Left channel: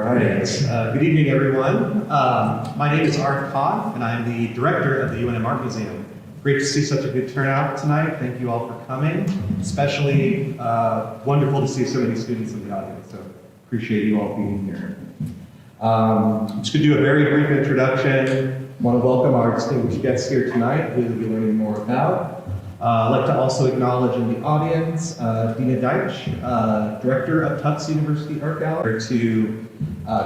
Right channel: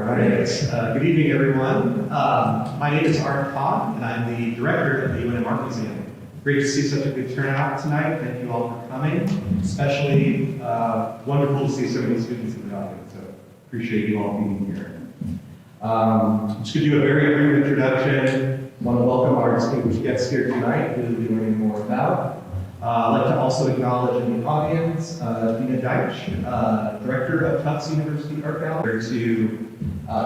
right. Good evening, everyone. My name is Art Todd, and I'm the director of the UNM Art Museum. Great to see such a good turnout tonight. Thank you all for coming. Especially wonderful to see so many students in the audience, so appreciate you all being here. I'm just going to do a very brief introduction. I want to welcome our distinguished guests here tonight, who we'll be learning more about. I'd like to also acknowledge in the audience Dina Deitch, Director of Tufts University Art Gallery, to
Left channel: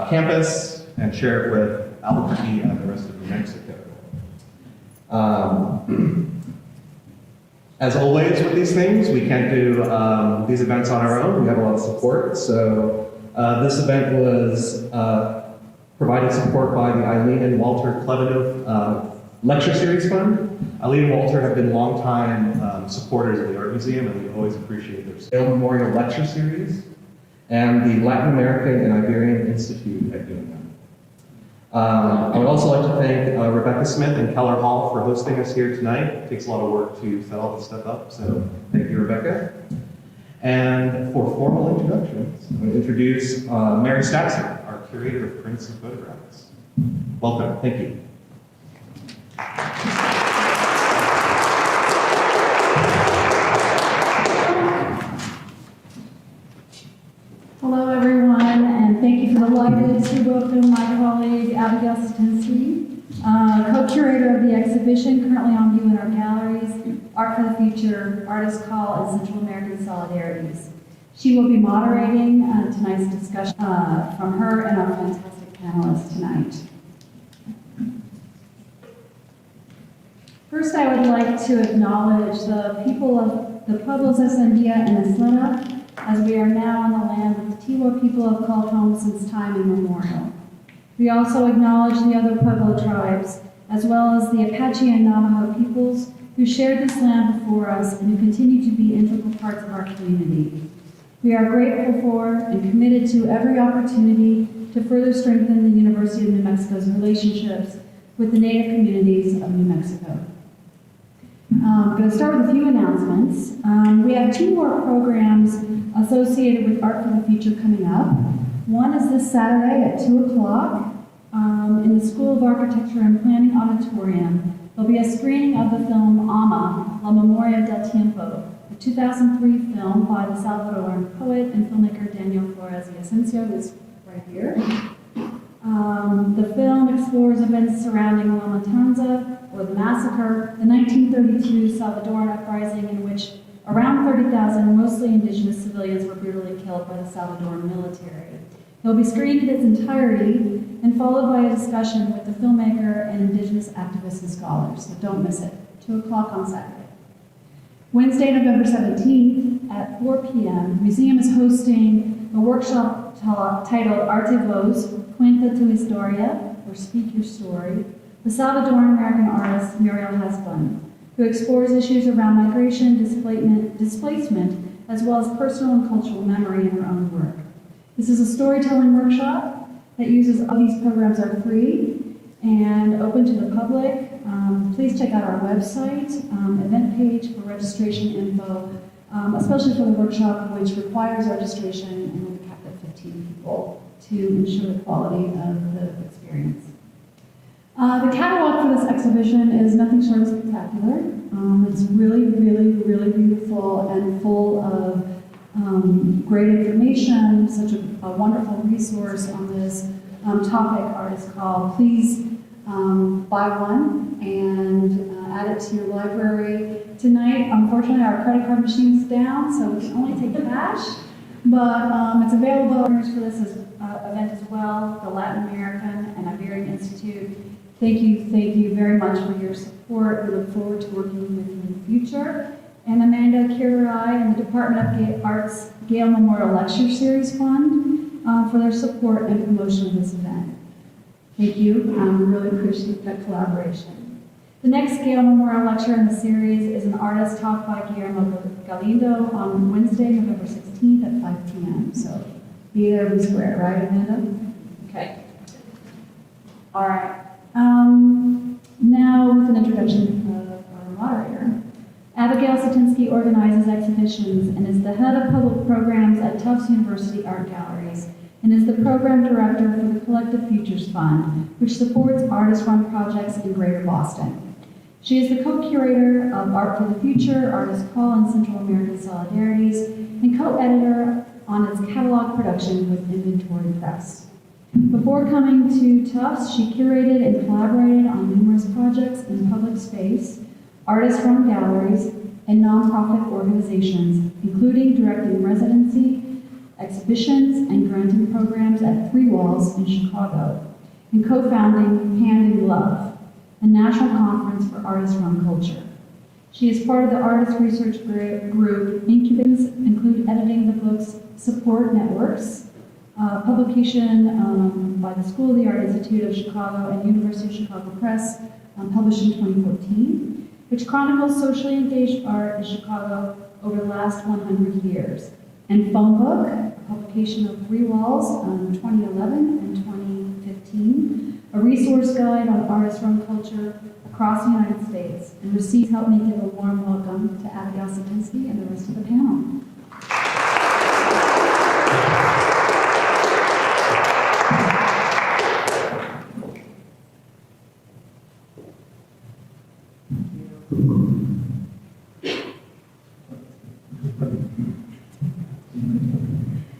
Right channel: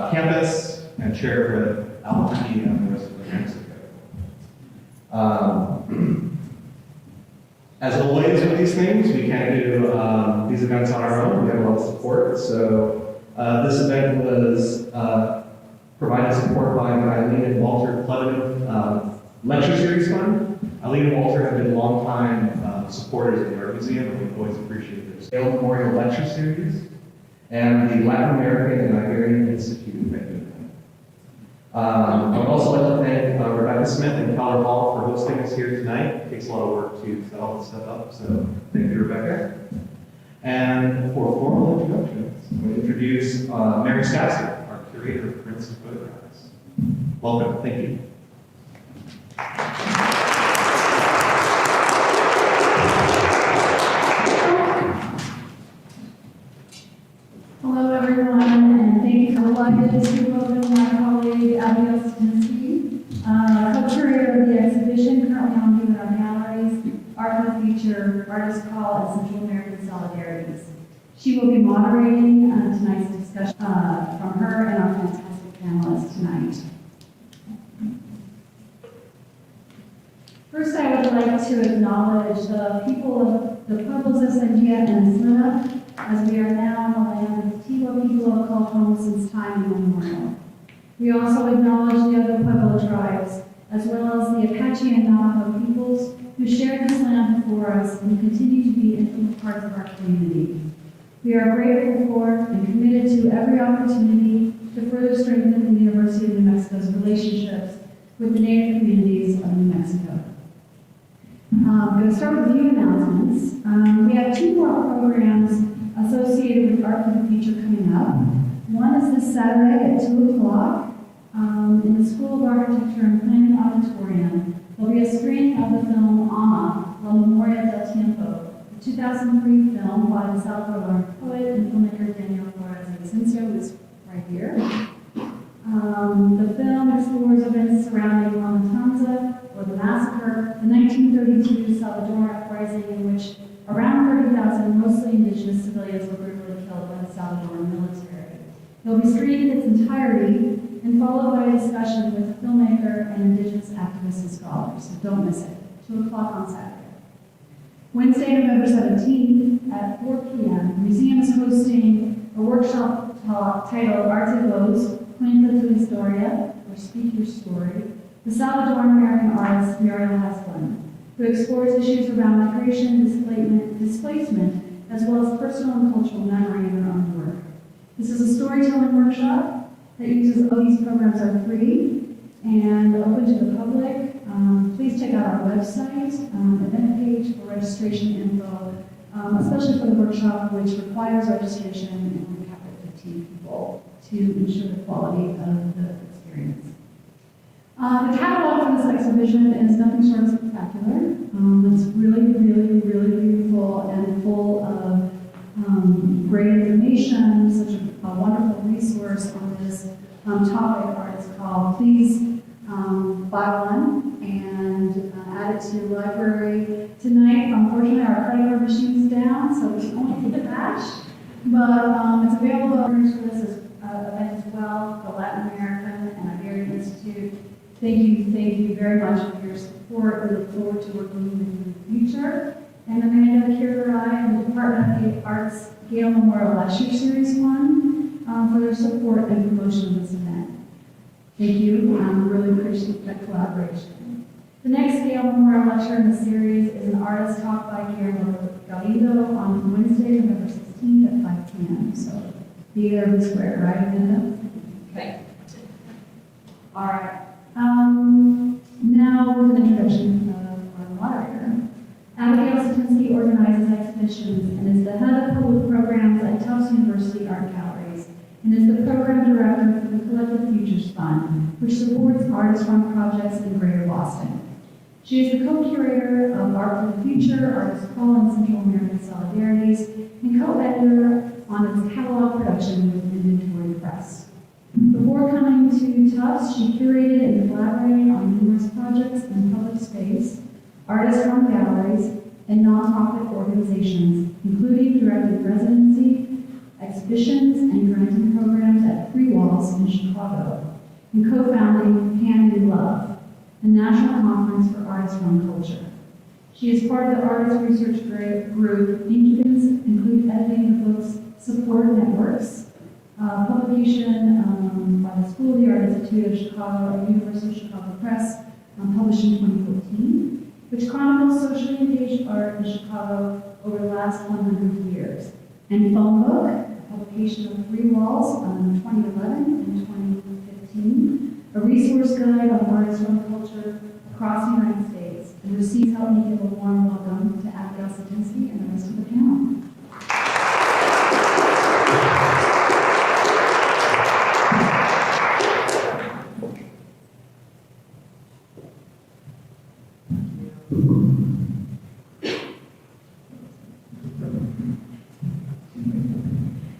campus and share it with Albuquerque and the rest of New Mexico. As always with these things, we can't do these events on our own. We have a lot of support. So this event was provided support by the Eileen and Walter Klevenow Lecture Series Fund. Eileen and Walter have been longtime supporters of the Art Museum, and we've always appreciated their Scale Memorial Lecture Series and the Latin American and Iberian Institute at UNM. I would also like to thank Rebecca Smith and Keller Hall for hosting us here tonight. It takes a lot of work to set all this stuff up, so thank you, Rebecca. And for formal introductions, I'm going to introduce Mary Stasser, our curator of prints and photographs. Welcome, thank you. Hello, everyone, and thank you for the libraries to welcome my colleague Abigail Satinsky, co-curator of the exhibition currently on view in our galleries, Art for the Future, Artist Call, and Central American Solidarities. She will be moderating tonight's discussion from her and our fantastic panelists tonight. First, I would like to acknowledge the people of the Pueblos Escondida and Isleta, as we are now on the land that the Tiwa people have called home since time immemorial. We also acknowledge the other Pueblo tribes, as well as the Apache and Navajo peoples who shared this land before us and continue to be integral parts of our community. We are grateful for and committed to every opportunity to further strengthen the University of New Mexico's relationships with the Native communities of New Mexico. I'm going to start with a few announcements. We have two more programs associated with Art for the Future coming up. One is this Saturday at 2 o'clock in the School of Architecture and Planning Auditorium. There'll be a screening of the film Ama, La Memoria del Tiempo, the 2003 film by the Salvadoran poet and filmmaker Daniel Flores y Ascencio, who is right here. The film explores events surrounding La Matanza, or the massacre, the 1932 Salvadoran uprising in which around 30,000 mostly indigenous civilians were brutally killed by the Salvadoran military. It will be screened in its entirety and followed by a discussion with the filmmaker and indigenous activists and scholars, so don't miss it. 2 o'clock on Saturday. Wednesday, November 17th at 4 p.m., the museum is hosting a workshop titled Arte Voz, Cuenta tu Historia, or Speak Your Story, the Salvadoran American artist Muriel Hasbun, who explores issues around migration, displacement, as well as personal and cultural memory in her own work. This is a storytelling workshop that uses, all these programs are free and open to the public. Please check out our website, event page for registration info, especially for the workshop, which requires registration and will be capped at 15 people to ensure the quality of the experience. The catalog for this exhibition is nothing short of spectacular. It's really, really, really beautiful and full of great information, such a wonderful resource on this topic, Artist Call. Please buy one and add it to your library. Tonight, unfortunately, our credit card machine is down, so we can only take cash, but it's available for this event as well, the Latin American and Iberian Institute. Thank you very much for your support. We look forward to working with you in the future. And Amanda Kirirai and the Department of Art's Gale Memorial Lecture Series Fund for their support and promotion of this event. Thank you. We really appreciate that collaboration. The next Gale Memorial Lecture in the series is an artist talk by Guillermo Galindo on Wednesday, November 16th at 5 p.m. So be there, be square, right, Amanda? Okay. All right. Now, with an introduction of our moderator. Abigail Satinsky organizes exhibitions and is the head of public programs at Tufts University Art Galleries and is the program director for the Collective Futures Fund, which supports artist-run projects in Greater Boston. She is the co-curator of Art for the Future, Artist Call and Central American Solidarities, and co-editor on its catalog production with Inventory Press. Before coming to Tufts, she curated and collaborated on numerous projects in public space, artist-run galleries, and nonprofit organizations, including directing residency, exhibitions, and granting programs at Three Walls in Chicago, and co-founding Hand in Glove, a national conference for artist-run culture. She is part of the Artist Research Group. Incubators include editing the books Support Networks, publication by the School of the Art Institute of Chicago and University of Chicago Press, published in 2014, which chronicles socially engaged art in Chicago over the last 100 years. And Phone Book, a publication of Three Walls in 2011 and 2015, a resource guide on artist-run culture across the United States. And please help me give a warm welcome to Abigail Satinsky and the rest of the panel.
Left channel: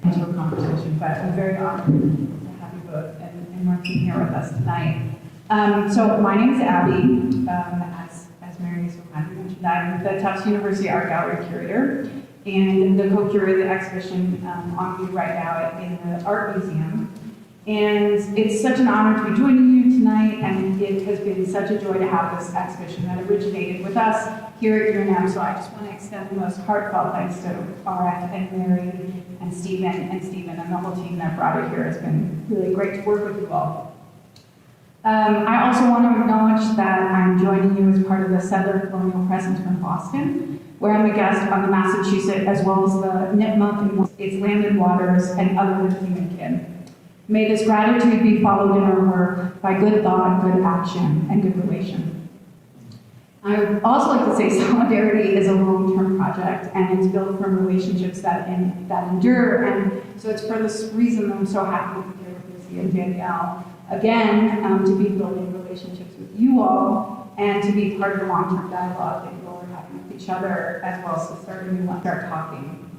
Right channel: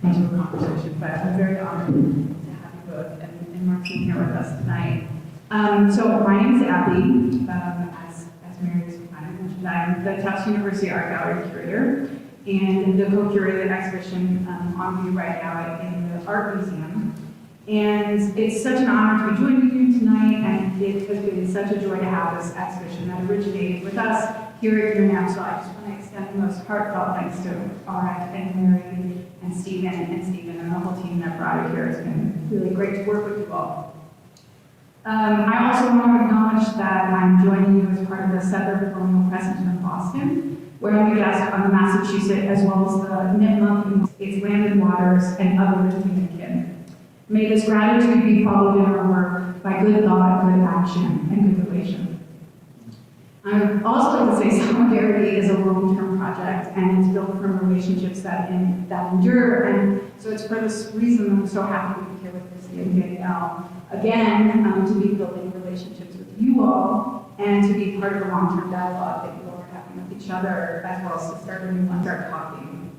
Into a conversation, but I'm very honored to have you both and Martín here with us tonight. So my name is Abby. As Mary so kindly mentioned, I'm the Tufts University Art Gallery curator and the co-curator of the exhibition on view right now in the Art Museum. And it's such an honor to be joining you tonight, and it has been such a joy to have this exhibition that originated with us here at UNM. So I just want to extend the most heartfelt thanks to RF and Mary and Stephen and the whole team that brought it here. It's been really great to work with you all. I also want to acknowledge that I'm joining you as part of the Settler Colonial Presence from Boston, where I'm a guest on the Massachusetts as well as the Nipmuc, its land and waters, and other human kin. May this gratitude be followed in our work by good thought, good action, and good relation. I would also like to say Solidarity is a long-term project, and it's built from relationships that endure. And so it's for this reason I'm so happy to be here with Lucy and Danielle again, to be building relationships with you all, and to be part of the long-term dialogue that you all are having with each other, as well as to start a new one, start talking.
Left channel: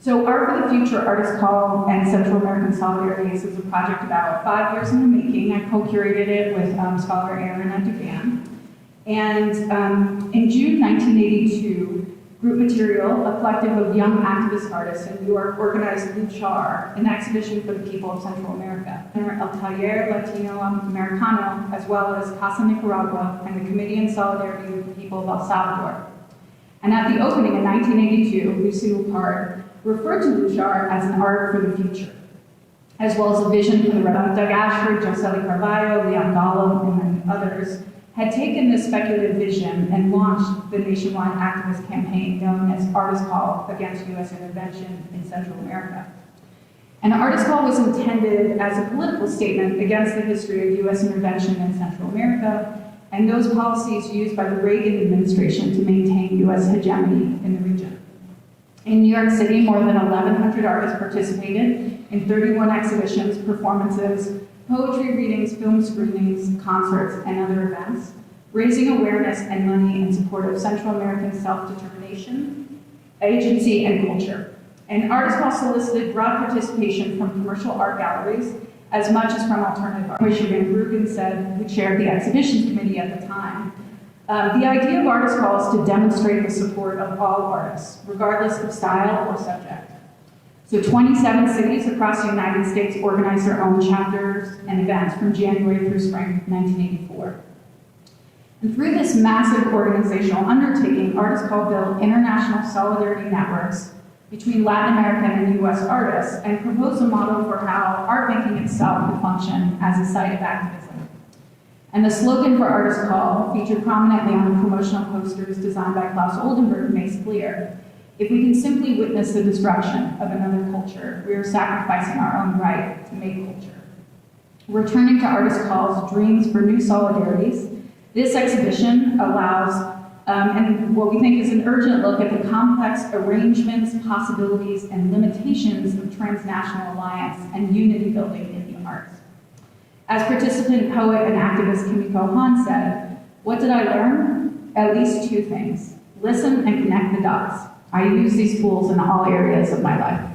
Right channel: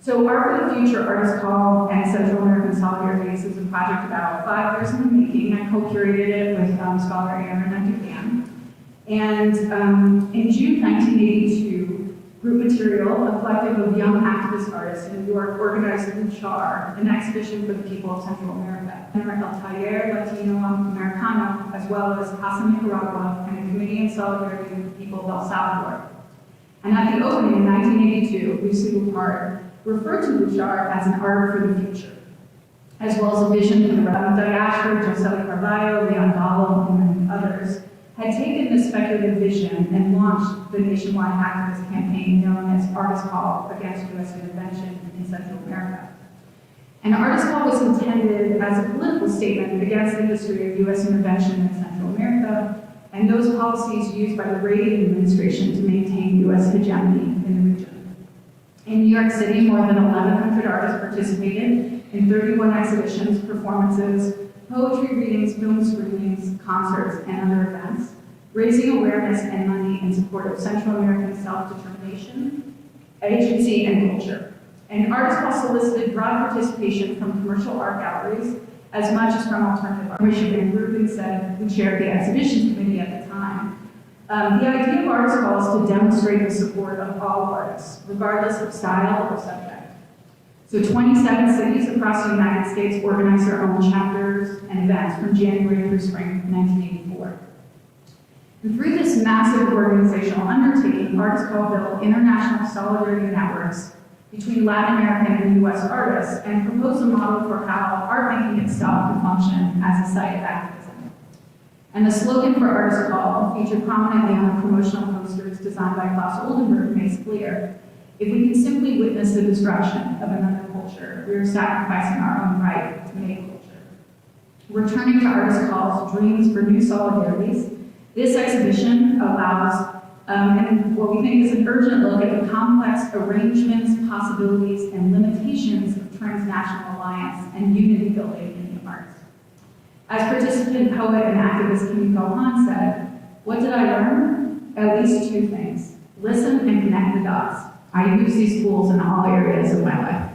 So Art for the Future, Artist Call, and Central American Solidarities is a project about 5 years in the making. I co-curated it with scholar Aaron Dugan. And in June 1982, Group Material, a collective of young activist artists in New York, organized the CHAR, an exhibition for the people of Central America. El Taller Latino Americano, as well as Casa Nicaragua and the Committee in Solidarity with the people of El Salvador. And at the opening in 1982, Lucy Lippard referred to Luchar as an art for the future, as well as a vision from the Doug Ashford, Josely Carvalho, Leon Gallo, and others, had taken this speculative vision and launched the nationwide activist campaign known as Artist Call against U.S. intervention in Central America. And Artist Call was intended as a political statement against the history of U.S. intervention in Central America and those policies used by the Reagan administration to maintain U.S. hegemony in the region. In New York City, more than 1,100 artists participated in 31 exhibitions, performances, poetry readings, film screenings, concerts, and other events, raising awareness and money in support of Central American self-determination, agency, and culture. And Artist Call solicited broad participation from commercial art galleries, as much as from alternative art. Michigan Rubin said, who chaired the exhibitions committee at the time, the idea of Artist Call is to demonstrate the support of all artists, regardless of style or subject. So 27 cities across the United States organized their own chapters and events from January through spring 1984. And through this massive organizational undertaking, Artist Call built international solidarity networks between Latin American and U.S. artists and proposed a model for how art making itself can function as a site of activism. And the slogan for Artist Call, featured prominently on promotional posters designed by Klaus Oldenburg, makes clear: if we can simply witness the destruction of another culture, we are sacrificing our own right to make culture. Returning to Artist Call's Dreams for New Solidarities, this exhibition allows And what we think is an urgent look at the complex arrangements, possibilities, and limitations of transnational alliance and unity building in the arts. As participant, poet, and activist Kimiko Han said, "What did I learn? At least two things. Listen and connect the dots. I use these tools in all areas of my life."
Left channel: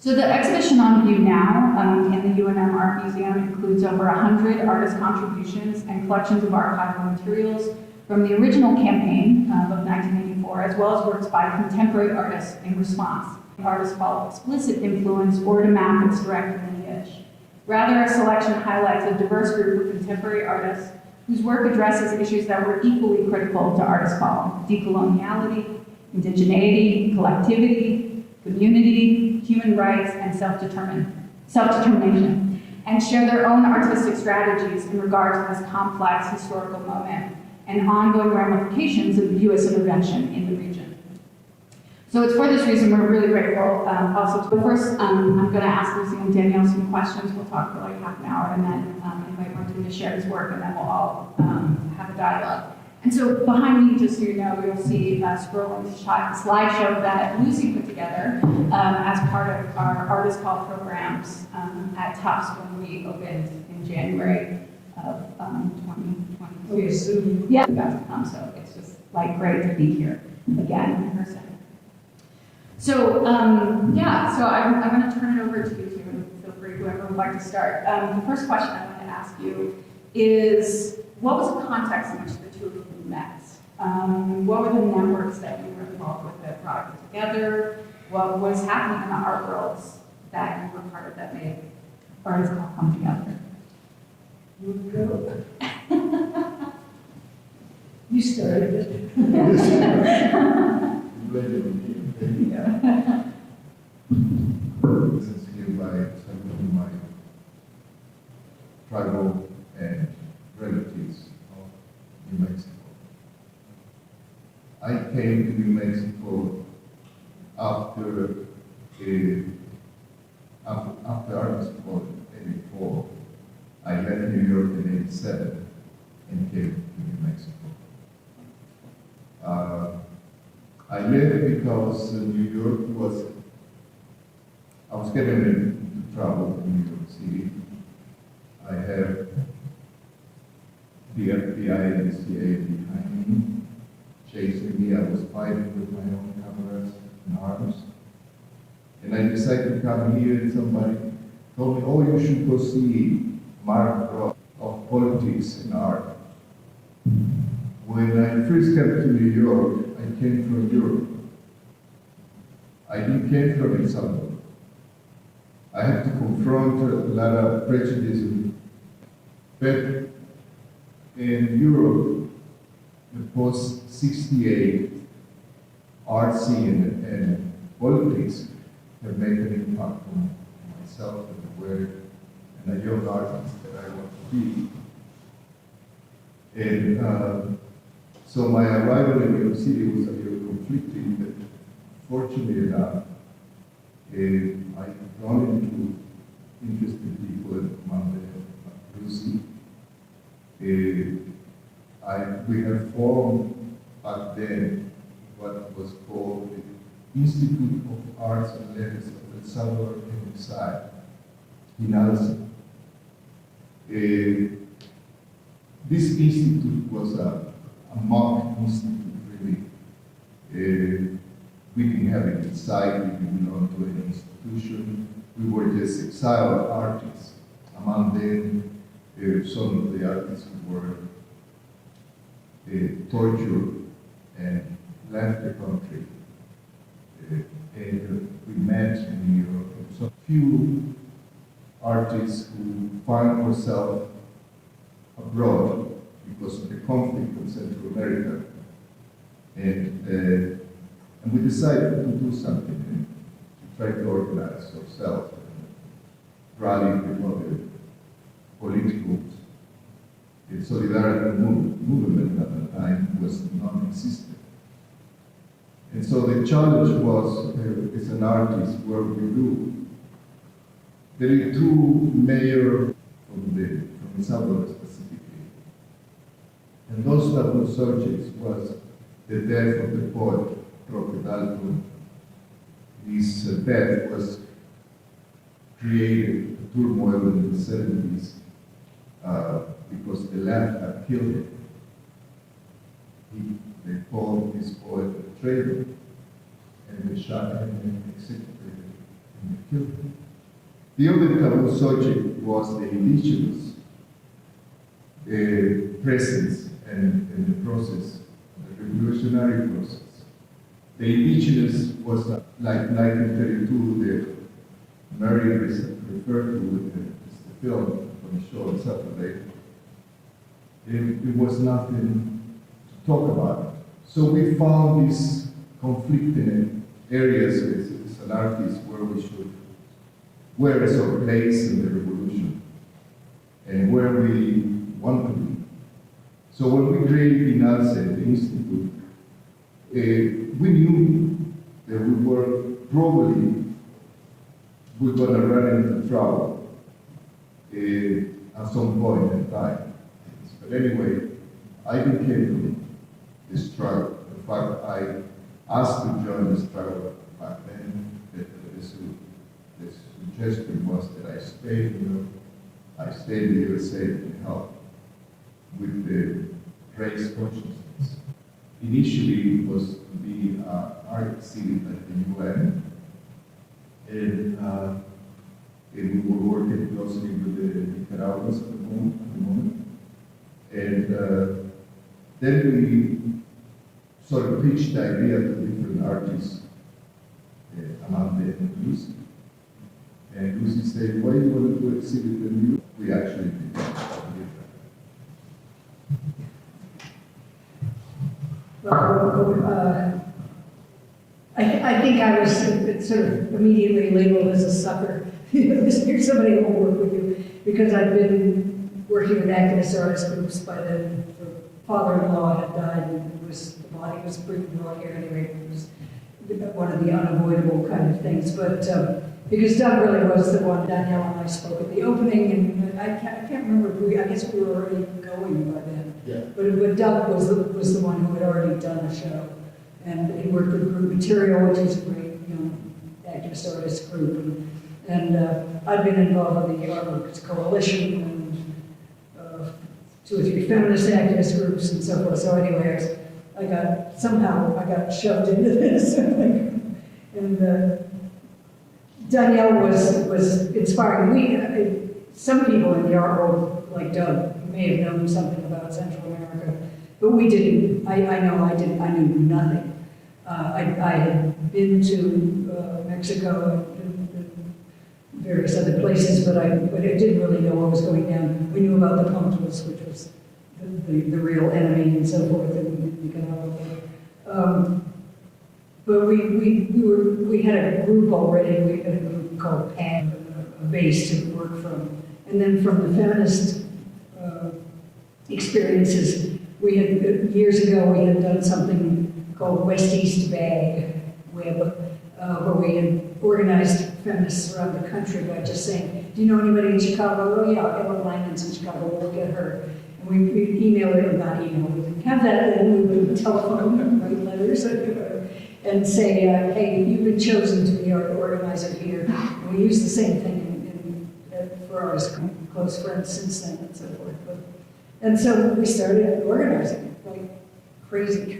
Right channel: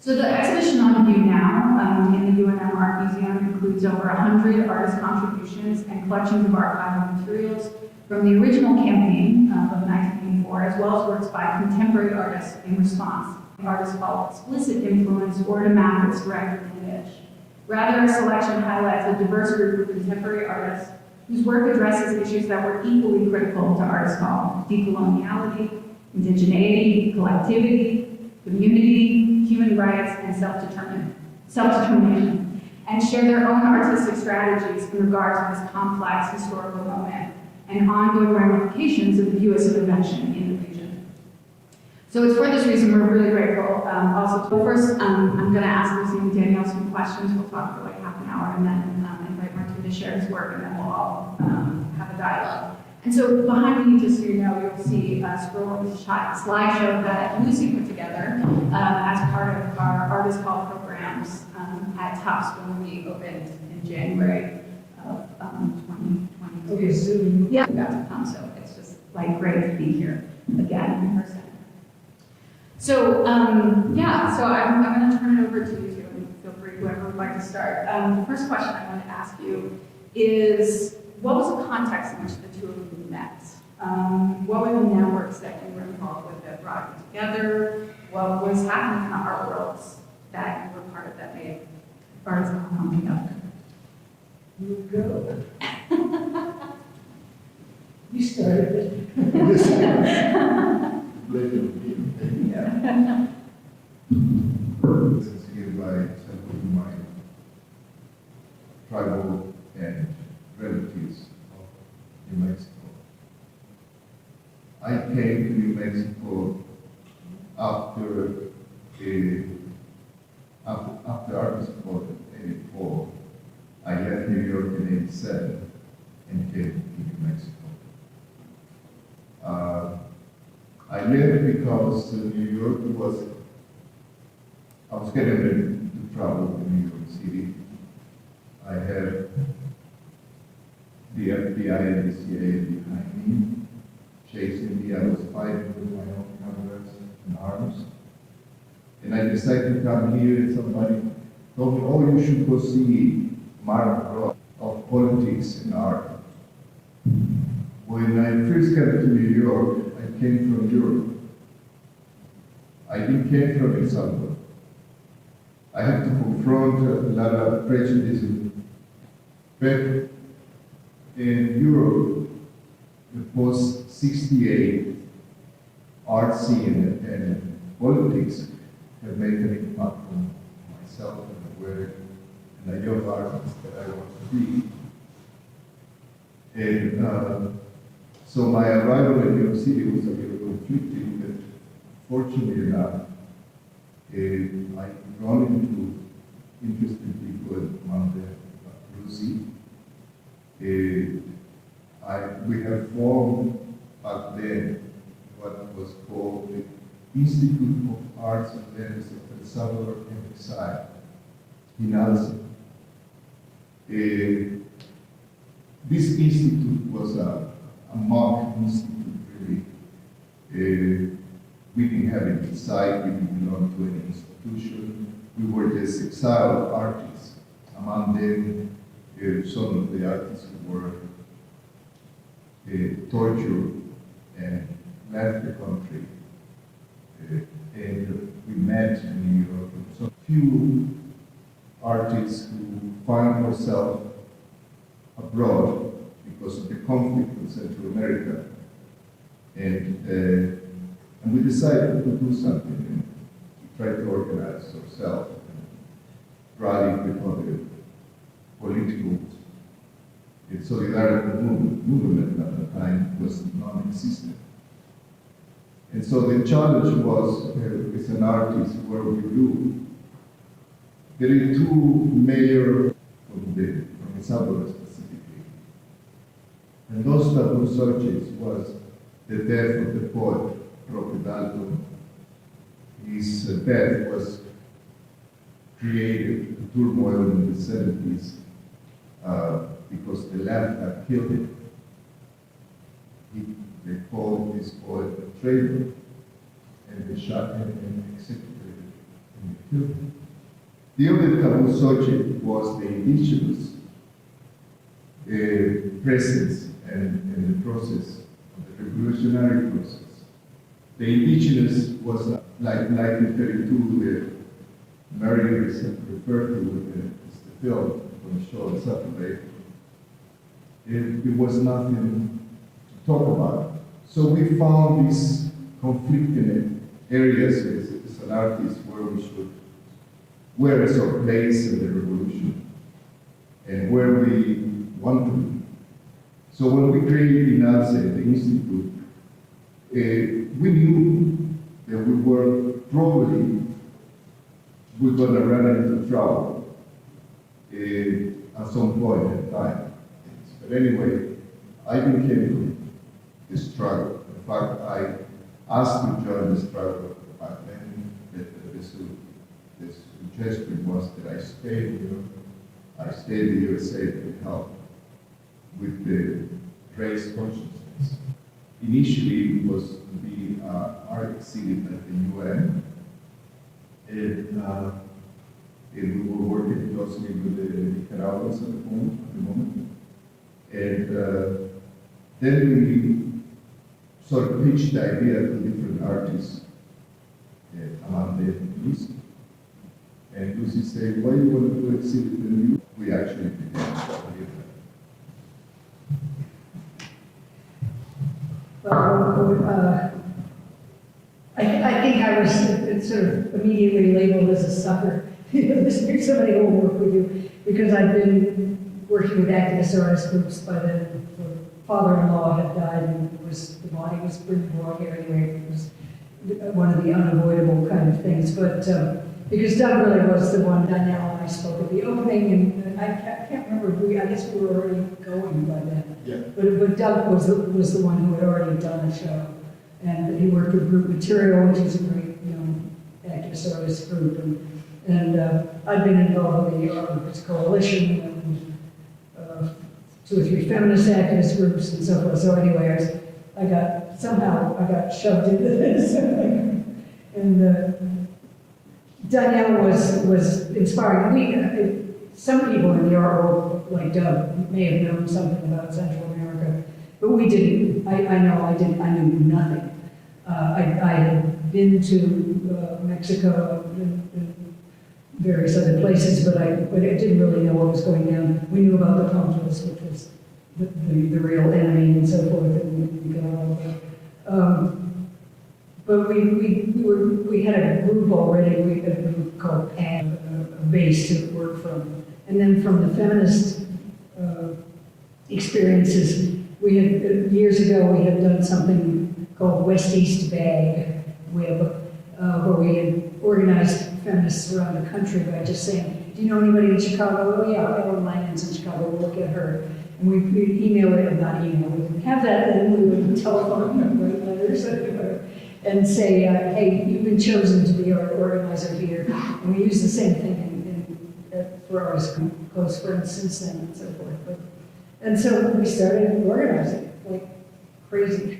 So the exhibition on view now in the UNM Art Museum includes over 100 artist contributions and collections of archival materials from the original campaign of 1984, as well as works by contemporary artists in response. Artists called explicit influence or to map its direct lineage. Rather, a selection highlights a diverse group of contemporary artists whose work addresses issues that were equally critical to artists called decoloniality, indigeneity, collectivity, community, human rights, and self-determination, and share their own artistic strategies in regard to this complex historical moment and ongoing ramifications of the U.S. intervention in the region. So it's for this reason we're really grateful. Also, first, I'm going to ask Lucy and Daniel some questions. We'll talk for like half an hour, and then invite Martin to share his work, and then we'll all have a dialogue. And so behind me, just so you know, you'll see scrolling the slideshow that Lucy put together as part of our Artist Call programs at Tufts when we opened in January of 2022. Okay, soon. Yeah, we got to come, so it's just like great to be here again in person. So yeah, so I'm going to turn it over to you two, and feel free, whoever would like to start. The first question I want to ask you is, what was the context in which the two of you met? What were the networks that you were involved with that brought you together? What was happening in the art worlds that you were part of that made artists all come together? You go. You started. This is here by several of my tribal and relatives in Mexico. I came to New Mexico after Artist Call in 84. I left New York in 87 and came to New Mexico. I left because New York I was getting into trouble in New York City. I had the FBI and the CIA behind me, chasing me. I was fighting with my own cameras and arms. And I decided to come here, and somebody told me, "Oh, you should go see Mark Ross of Politics and Art." When I first came to New York, I came from Europe. I didn't come from El Salvador. I had to confront a lot of prejudice. But in Europe, the post-68 art scene and politics have made an impact on myself and the work and a young artist that I want to be. And so my arrival in New York City was a little conflicting, but fortunately enough, I run into interesting people among them, Lucy. We have formed back then what was called the Institute of Arts and Letters of El Salvador and Exile in Alsa. This institute was a mock institute, really. We didn't have it inside, we didn't belong to any institution. We were just exiled artists. Among them, some of the artists who were tortured and left the country. And we met in New York. So few artists who find ourselves abroad because of the conflict in Central America. And we decided to do something, to try to organize ourselves, and rally with other political solidarity movement at the time was non-existent. And so the challenge was, as an artist, where we do. There are two mayors from El Salvador specifically, And those taboo subjects was the death of the poet, Prophet. His death was created a turmoil in the 70s because the left had killed him. They called this poet a traitor, and they shot him and executed him and killed him. The other taboo subject was the indigenous presence and the process, the revolutionary process. The indigenous was like 1932, the Mary referred to the film from the show on Saturday. It was nothing to talk about. So we found these conflicting areas as an artist where is our place in the revolution and where we want to be. So when we created the Institute, we knew that we were probably going to run into trouble at some point in time. But anyway, I became the struggle. In fact, I asked to join the struggle back then. The suggestion was that I stayed in the USA to help with the race consciousness. Initially, it was to be an art exhibit at the UN, and we were working closely with the Nicaraguans at the moment. And then we sort of pitched the idea to different artists among the East. And Lucy said, why do you want to do exhibit in New York? We actually did that. Well, I think I was sort of immediately labeled as a sucker. There's somebody who will work with you, because I've been working with activist artist groups. By the father-in-law had died, and the body was pretty raw here anyway. It was one of the unavoidable kind of things. But because Doug really was the one, Daniel and I spoke at the opening, and I can't remember if I guess we were already going by then. Yeah. But Doug was the one who had already done a show, and he worked with Group Material, which is a great, activist artist group, and I'd been involved with the Artworkers Coalition and 2 or 3 feminist activist groups and so forth. So anyway, I got shoved into this, and Danielle was inspiring. Some people in the art world, like Doug, may have known something about Central America, but we didn't. I knew nothing. I had been to Mexico and various other places, but I didn't really know what was going down. We knew about the Contras, which was the real enemy and so forth, and we got all of that. But we had a group already. We had a group called PAN, a base to work from. And then from the feminist experiences, we had, years ago, we had done something called West-East Bag Web, where we had organized feminists around the country by just saying, do you know anybody in Chicago? Oh yeah, Ellen Langen's in Chicago, we'll get her. And we emailed it, not email, we didn't have that then, we would telephone and write letters and say, hey, you've been chosen to be our organizer here. And we use the same thing for our close friends since then and so forth. And so we started organizing like crazy.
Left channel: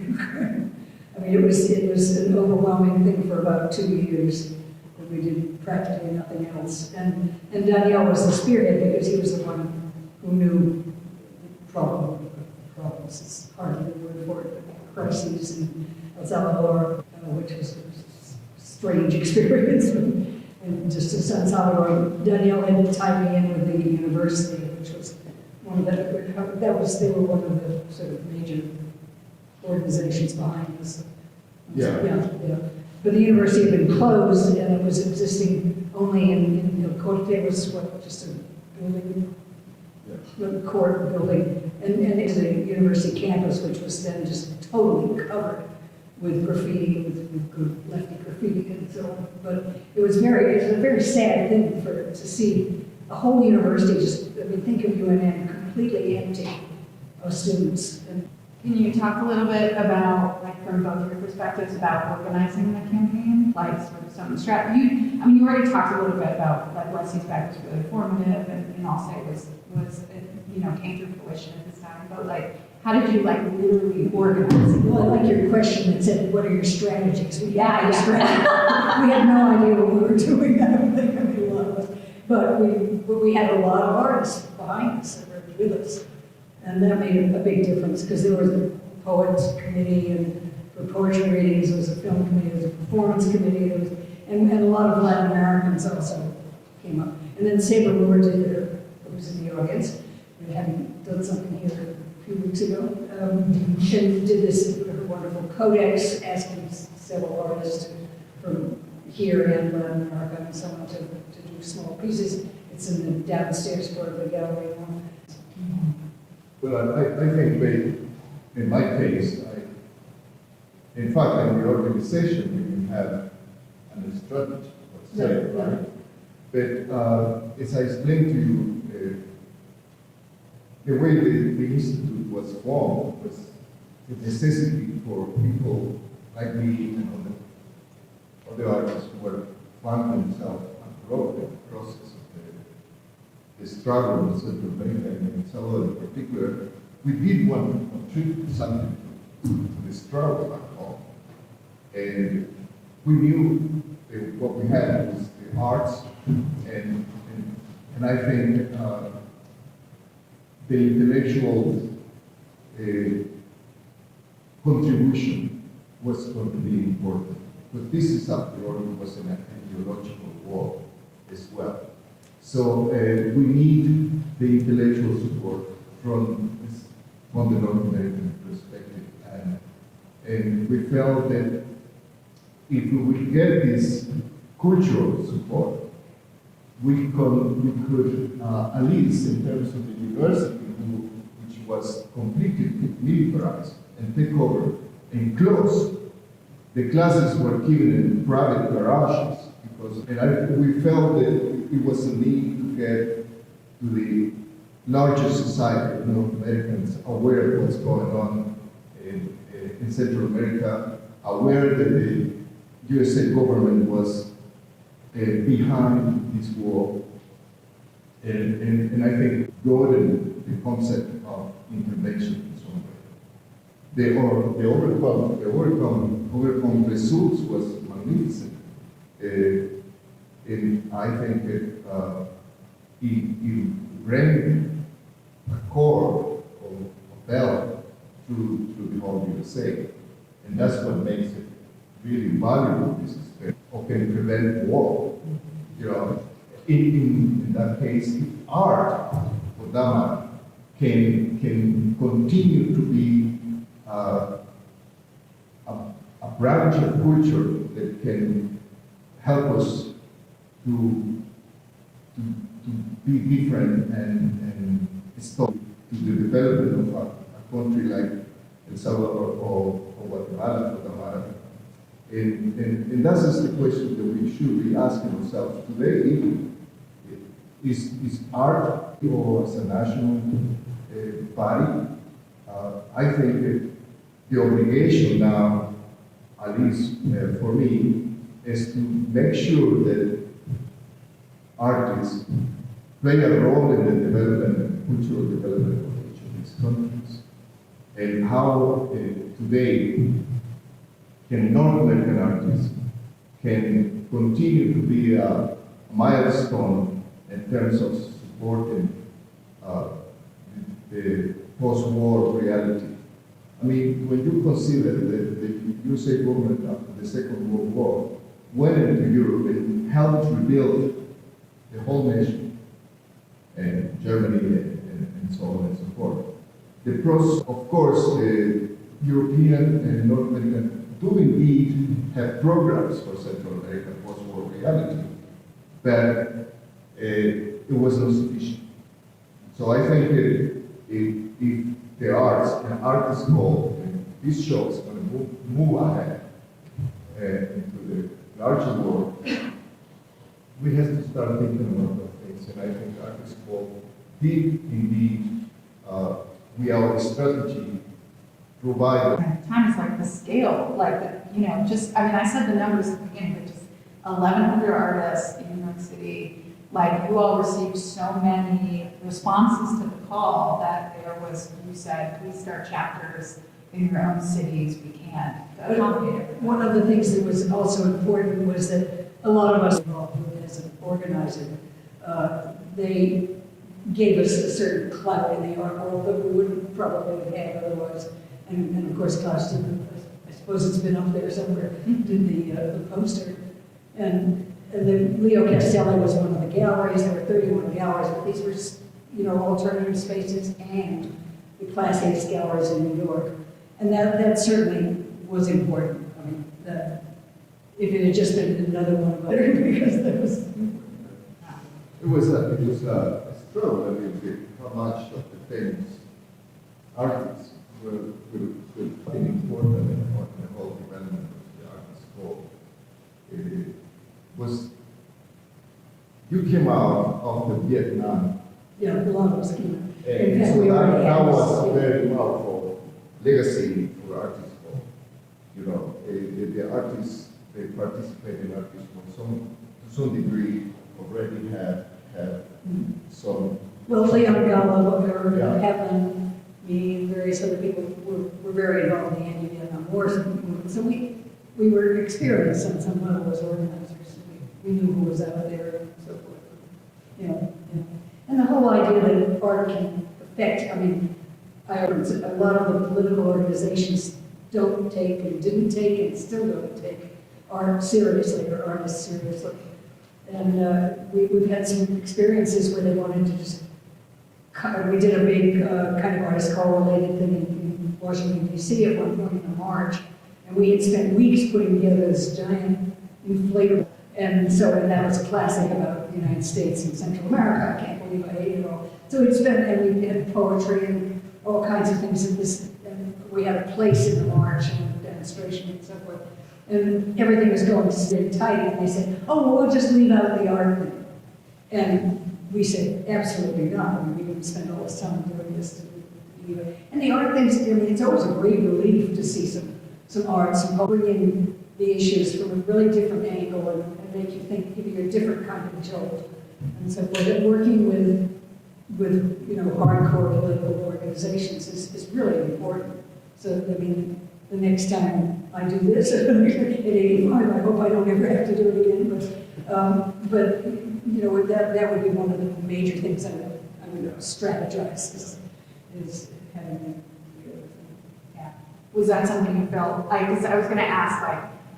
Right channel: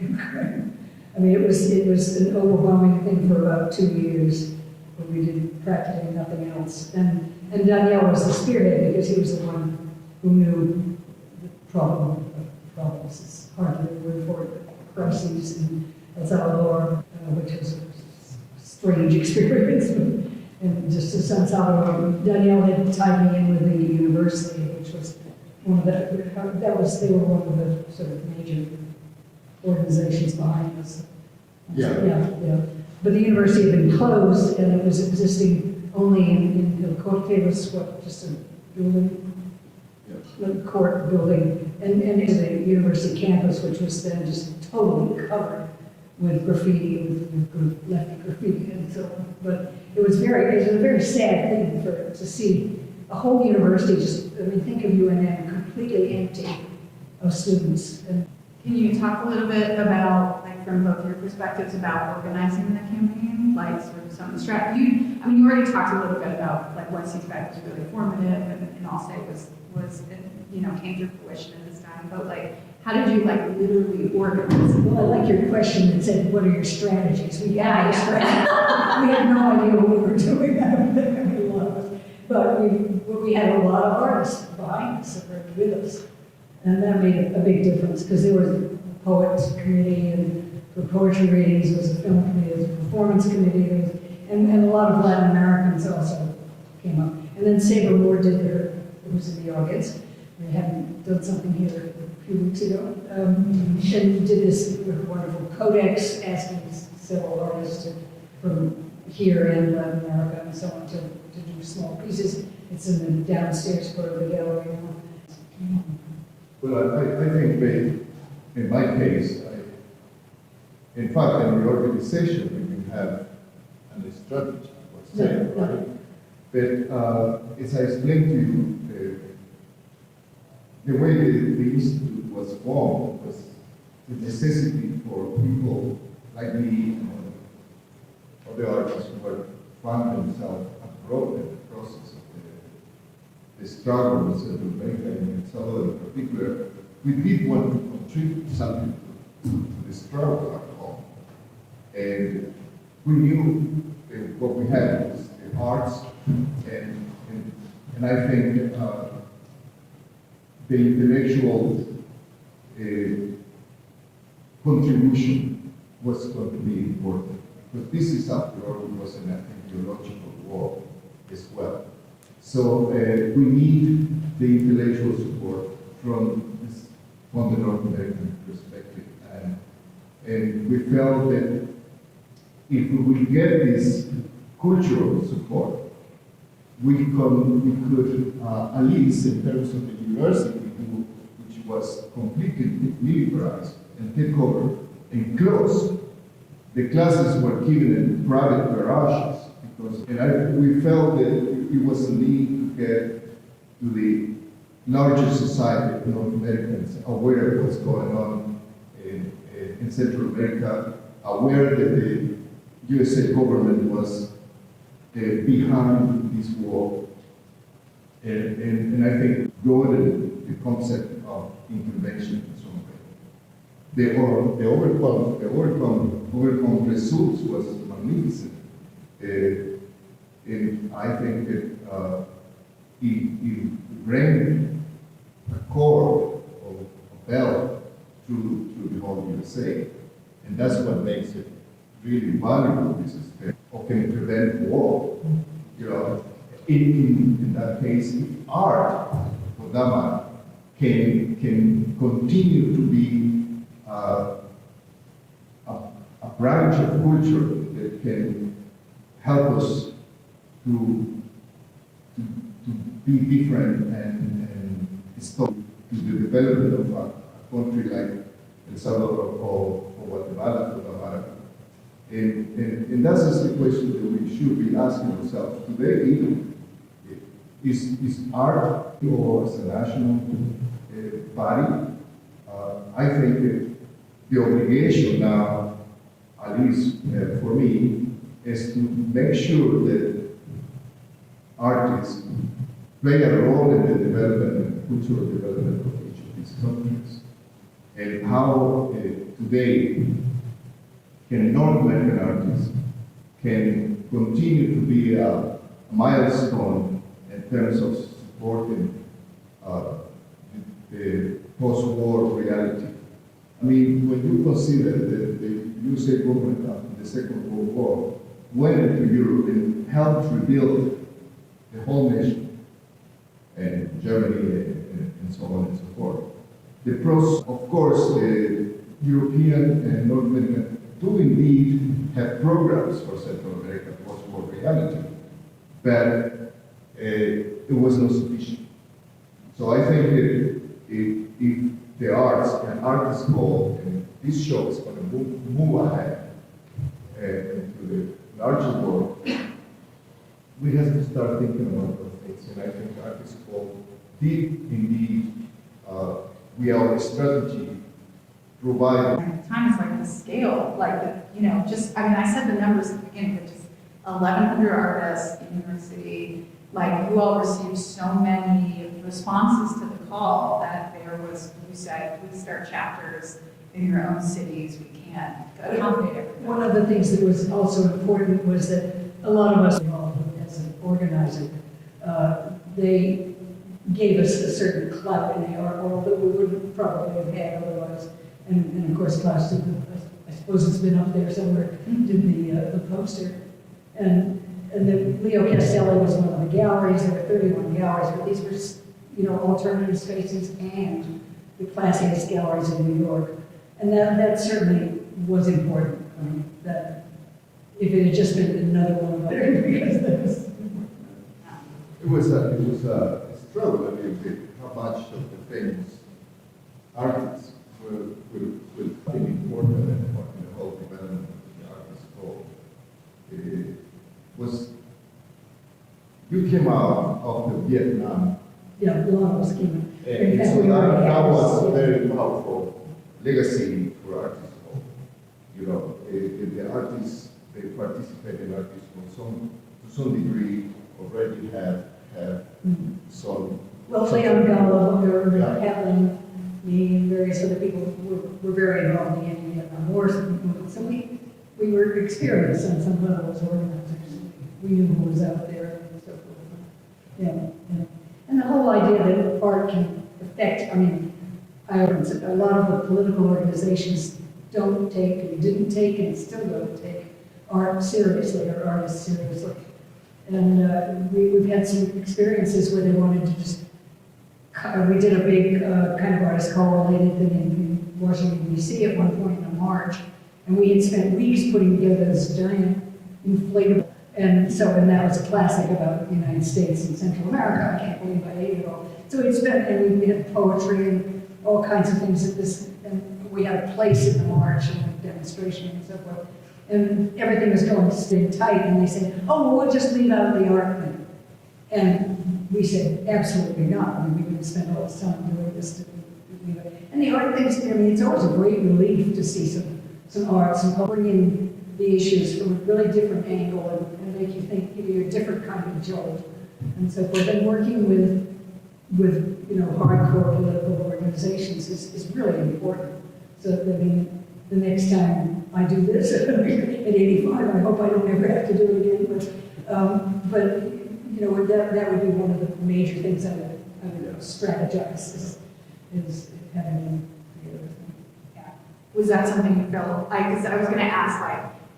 I mean, it was an overwhelming thing for about 2 years, where we did practically nothing else. And Daniel was the spearhead, because he was the one who knew problems. It's hardly a word for it. Crises in El Salvador, which was a strange experience. And just to San Salvador, Danielle had tied me in with the university, which was one of they were one of the sort of major organizations behind us. Yeah. But the university had been closed, and it was existing only in El Corte. It was just a building, a court building, and it was a university campus, which was then just totally covered with graffiti, with lefty graffiti and so on. But it was a very sad thing to see a whole university just, think of UNM completely empty students. And Can you talk a little bit about, like, from both your perspectives about organizing the campaign, like sort of some strategy? You already talked a little bit about like what feedback was really formative and also was came to fruition at this time. But like, how did you like literally organize? well, I like your question that said, "What are your strategies?" We Yeah. we had no idea what we were doing. I don't think a lot of us, but we had a lot of artists behind us that were with us. And that made a big difference because there was a poets committee and for poetry readings, there was a film committee, there was a performance committee, and a lot of Latin Americans also came up. And then Sabre Moore who was in the audience, we hadn't done something here a few weeks ago, and did this wonderful codex asking several artists from here and Latin America and so on to do small pieces. It's in the downstairs part of the gallery. Well, I think in my case, in fact, in reorganization, you can have an strategy, let's say, right? But as I explained to you, the way the institute was formed was the necessity for people like me and other artists who were finding themselves abroad in the process of the struggle in Central America and El Salvador in particular. We did want to contribute something to the struggle at home. And we knew that what we had was the arts, and I think the intellectual contribution was going to be important. But this is, after all, it was an ideological war as well. So we need the intellectual support from the North American perspective. And we felt that if we would get this cultural support, we could at least in terms of the university, which was completely militarized and take over and close. The classes were given in private garages we felt that it was a need to get to the larger society of North Americans aware of what's going on in Central America, aware that the USA government was behind this war, and I think broadened the concept of intervention and so on. The overcome results was magnificent. And I think that it bring a core of bell through the whole USA, and that's what makes it really valuable. This is or can prevent war. You know, in that case, art, for that matter, can continue to be a branch of culture that can help us to be different and stop to the development of a country like El Salvador or Guatemala, for that matter. And that's just the question that we should be asking ourselves today. Even is art or as a national body? I think that the obligation now, at least for me, is to make sure that artists play a role in the development, cultural development of each of these countries, and how today can North American artists can continue to be a milestone in terms of supporting the post-war reality. I mean, when you consider that the USA government after the Second World War went into Europe and helped rebuild the whole nation, and Germany and so on and so forth. The process, of course, European and North American do indeed have programs for Central America post-war reality, but it was not sufficient. So I think that if the arts and artists go, and this show is going to move ahead into the larger world, we have to start thinking about those things. And I think artists did indeed we our strategy provide. Times like the scale, like, just, I mean, I said the numbers at the beginning, but just 1,100 artists in New York City, like, you all received so many responses to the call that there was, you said, please start chapters in your own cities, we can't accommodate it. One of the things that was also important was that a lot of us involved as an organizer, they gave us a certain clout in the art, although we wouldn't probably have otherwise. And of course, Klaus did, I suppose it's been up there somewhere, did the poster. And then Leo Castelli was one of the galleries, there were 31 galleries, but these were, alternative spaces and the Class A galleries in New York. And that certainly was important. That if it had just been another one, because there was. It was a struggle, I mean, how much of the famous artists will be important in the whole development of the artist role. It was, you came out of the Vietnam. Yeah, a lot of us came. And so that was a very powerful legacy for artists. The artists, they participate in artists to some degree already have some. Well, Leon Gala, Booker, Yeah. Kaplan, me, and various other people were very involved in the Vietnam War. So we were experienced on some level as organizers. We knew who was out there and so forth. And the whole idea that art can affect, a lot of the political organizations don't take, and didn't take, and still don't take art seriously, or artists seriously. And we've had some experiences where they wanted to just, we did a big kind of artist call-related thing in Washington, D.C. at one point in a march, and we had spent weeks putting together this giant inflatable, and that was a classic about the United States and Central America. I can't believe I ate it all. So it's been, and we had poetry and all kinds of things in this, and we had a place in the march and a demonstration and so forth. And everything was going to stay tight, and they said, oh, well, we'll just leave out the art thing. And we said, absolutely not. We would spend all this time doing this to leave it. And the art things, it's always a great relief to see some art, bringing the issues from a really different angle and make you think, give you a different kind of jolt. And so forth. And working with hardcore political organizations is really important. So, the next time I do this at 85, I hope I don't ever have to do it again, but that would be one of the major things I would strategize is having Was that something you felt, because I was going to ask,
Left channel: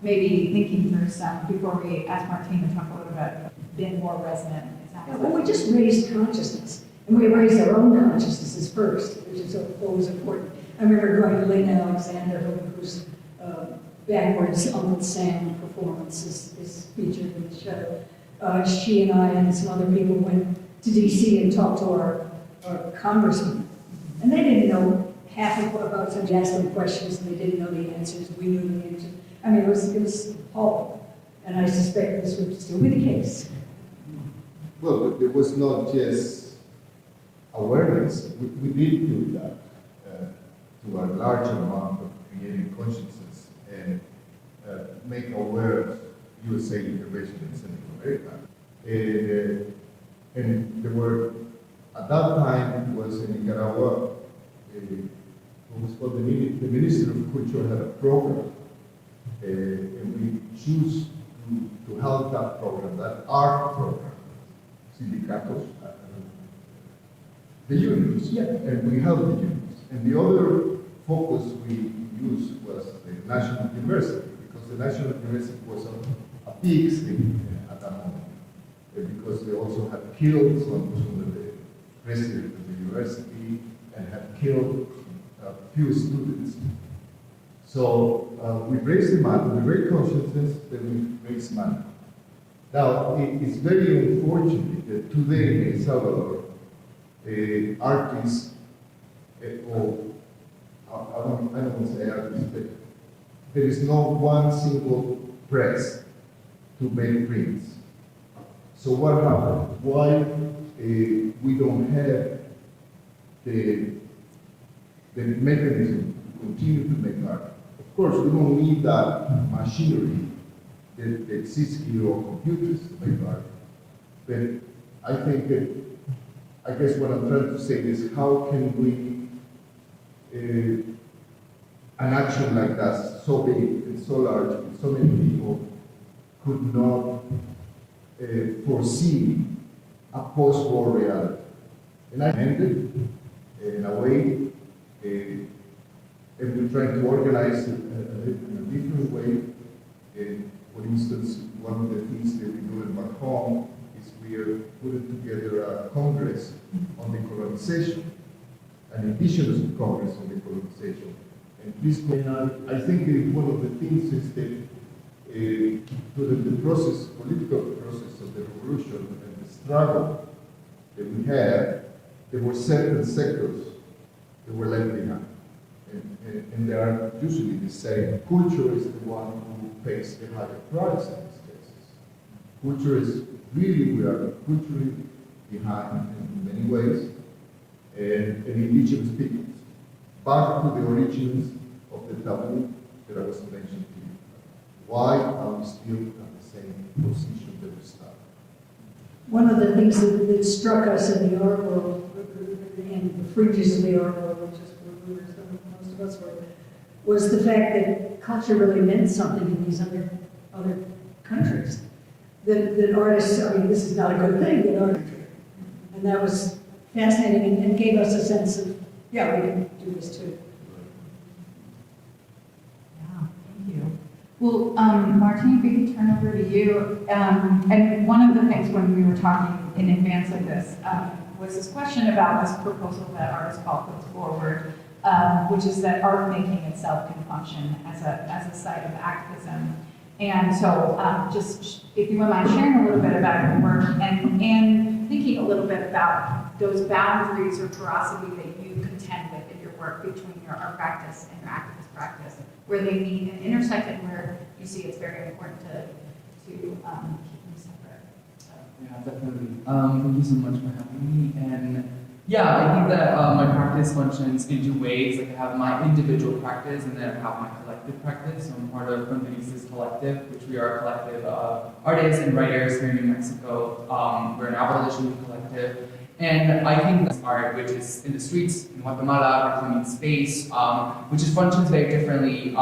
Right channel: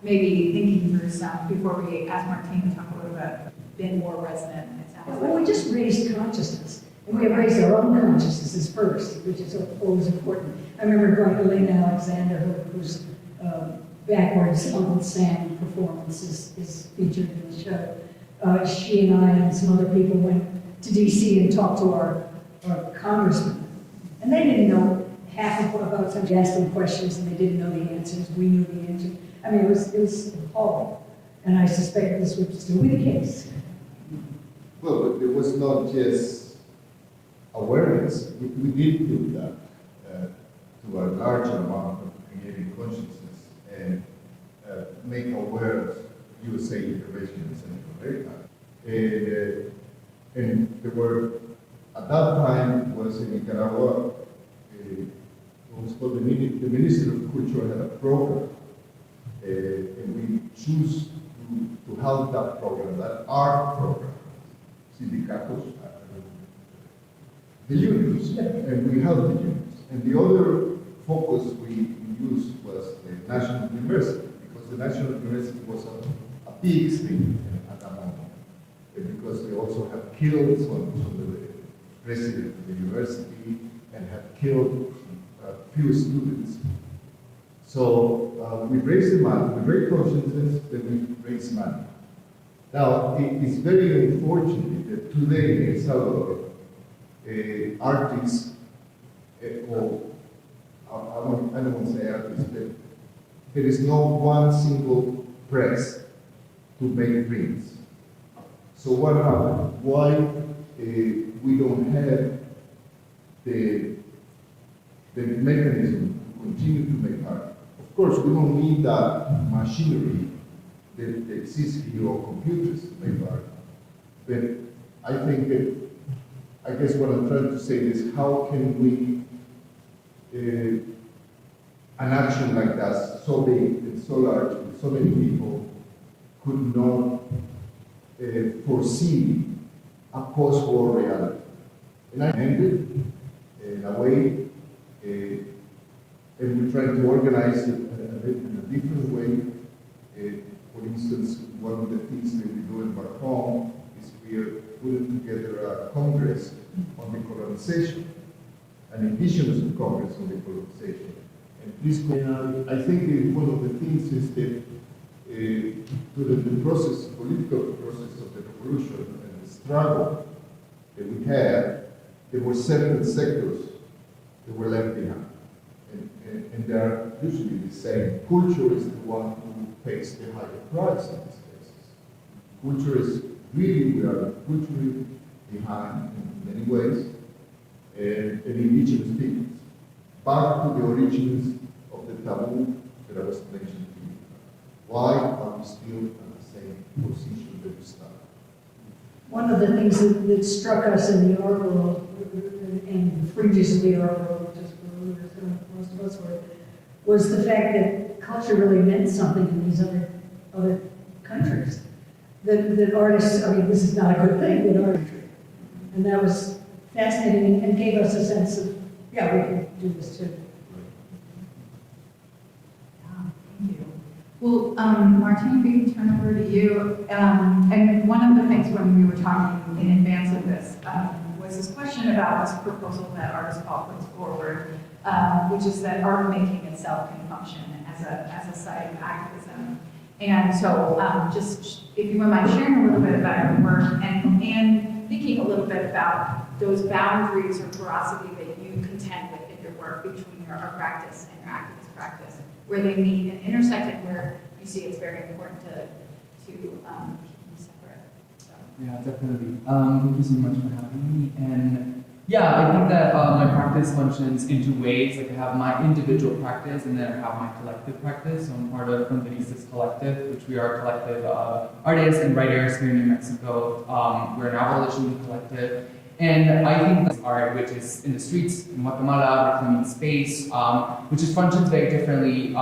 maybe thinking for some, before we ask Martín to talk a little bit, been more resonant? Well, we just raised consciousness. And we raised our own consciousnesses first, which is always important. I remember going to Lynn Alexander, whose Backwards Uncle Sam performance is featured in the show. She and I and some other people went to D.C. and talked to our congressmen. And they didn't know half of what about some asked them questions and they didn't know the answers. We knew the answers. It was appalling. And I suspect this would still be the case. Well, but it was not just awareness. We did do that to a large amount of creating consciousness and make aware USA intervention in Central America. And there were, at that time, was in Nicaragua, what was called the Minister of Culture had a program, and we choose to help that program, that art program, sindicatos, the unions, and we helped the unions. And the other focus we used was the National University, because the National University was a big thing at that moment, because they also had killed some of the president of the university and had killed a few students. So we raised the money, we raised consciousness, then we raised money. Now, it's very unfortunate that today in El Salvador, artists, well, I don't want to say artists, but there is no one single press to make prints. So what happened? Why we don't have the the mechanism to continue to make art. Of course, we don't need that machinery that exists here or computers to make art. But I think that, I guess what I'm trying to say is how can we, an action like that, so big and so large, with so many people, could not foresee a post-war reality. And I ended in a way, and we try to organize it in a different way. For instance, one of the things that we're doing back home is we are putting together a congress on decolonization, an indigenous congress on decolonization. And this, I think that one of the things is that through the process, political process of the revolution and the struggle that we had, there were certain sectors that were left behind. And they are usually the same. Culture is the one who pays the higher price in these cases. Culture is really, we are culturally behind in many ways, and indigenous peoples. Back to the origins of the taboo that I was mentioning to you. Why are we still at the same position that we started? One of the things that struck us in the art world, and the fringes of the art world, most of us were, was the fact that culture really meant something in these other countries. That artists, I mean, this is not a good thing, but art, and that was fascinating and gave us a sense of, yeah, we can do this too. Wow, thank you. Well, Martin, if we can turn over to you. And one of the things when we were talking in advance of this was this question about this proposal that Artists Call puts forward, which is that art making itself can function as a site of activism. And so just, if you wouldn't mind sharing a little bit about your work and thinking a little bit about those boundaries or porosity that you contend with in your work between your art practice and your activist practice, where they meet and intersect and where you see it's very important to keep them separate. So. Yeah, definitely. Thank you so much for having me. And yeah, I think that my practice functions in two ways. Like I have my individual practice and then I have my collective practice. So I'm part of Fronterizas Collective, which we are a collective of artists and writers here in New Mexico. We're an abolition collective. And I think that's art, which is in the streets in Guatemala, reclaiming space, which functions very differently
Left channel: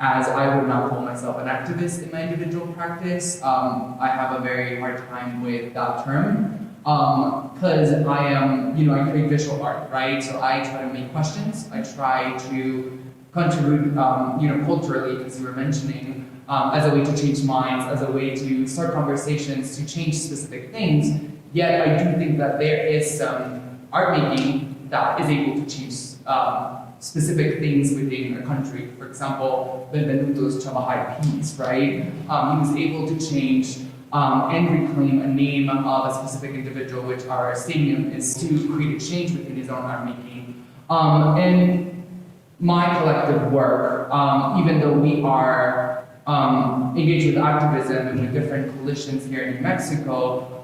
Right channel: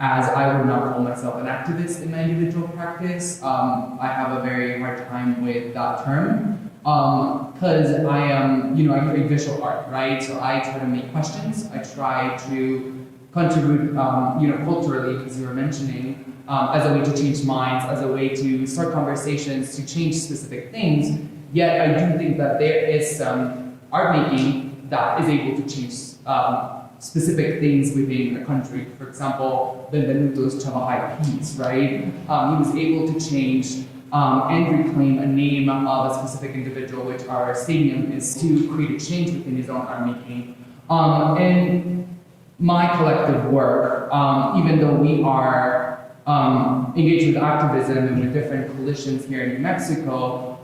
as I would not call myself an activist in my individual practice. I have a very hard time with that term. Because I am, I create visual art, right? So I try to make questions. I try to contribute, culturally, as you were mentioning, as a way to change minds, as a way to start conversations, to change specific things. Yet I do think that there is some art making that is able to change specific things within a country. For example, Benvenuto's Chavahai piece, right? He was able to change and reclaim a name of a specific individual, which our stadium is, to create a change within his own art making. And my collective work, even though we are engaged with activism and with different coalitions here in New Mexico,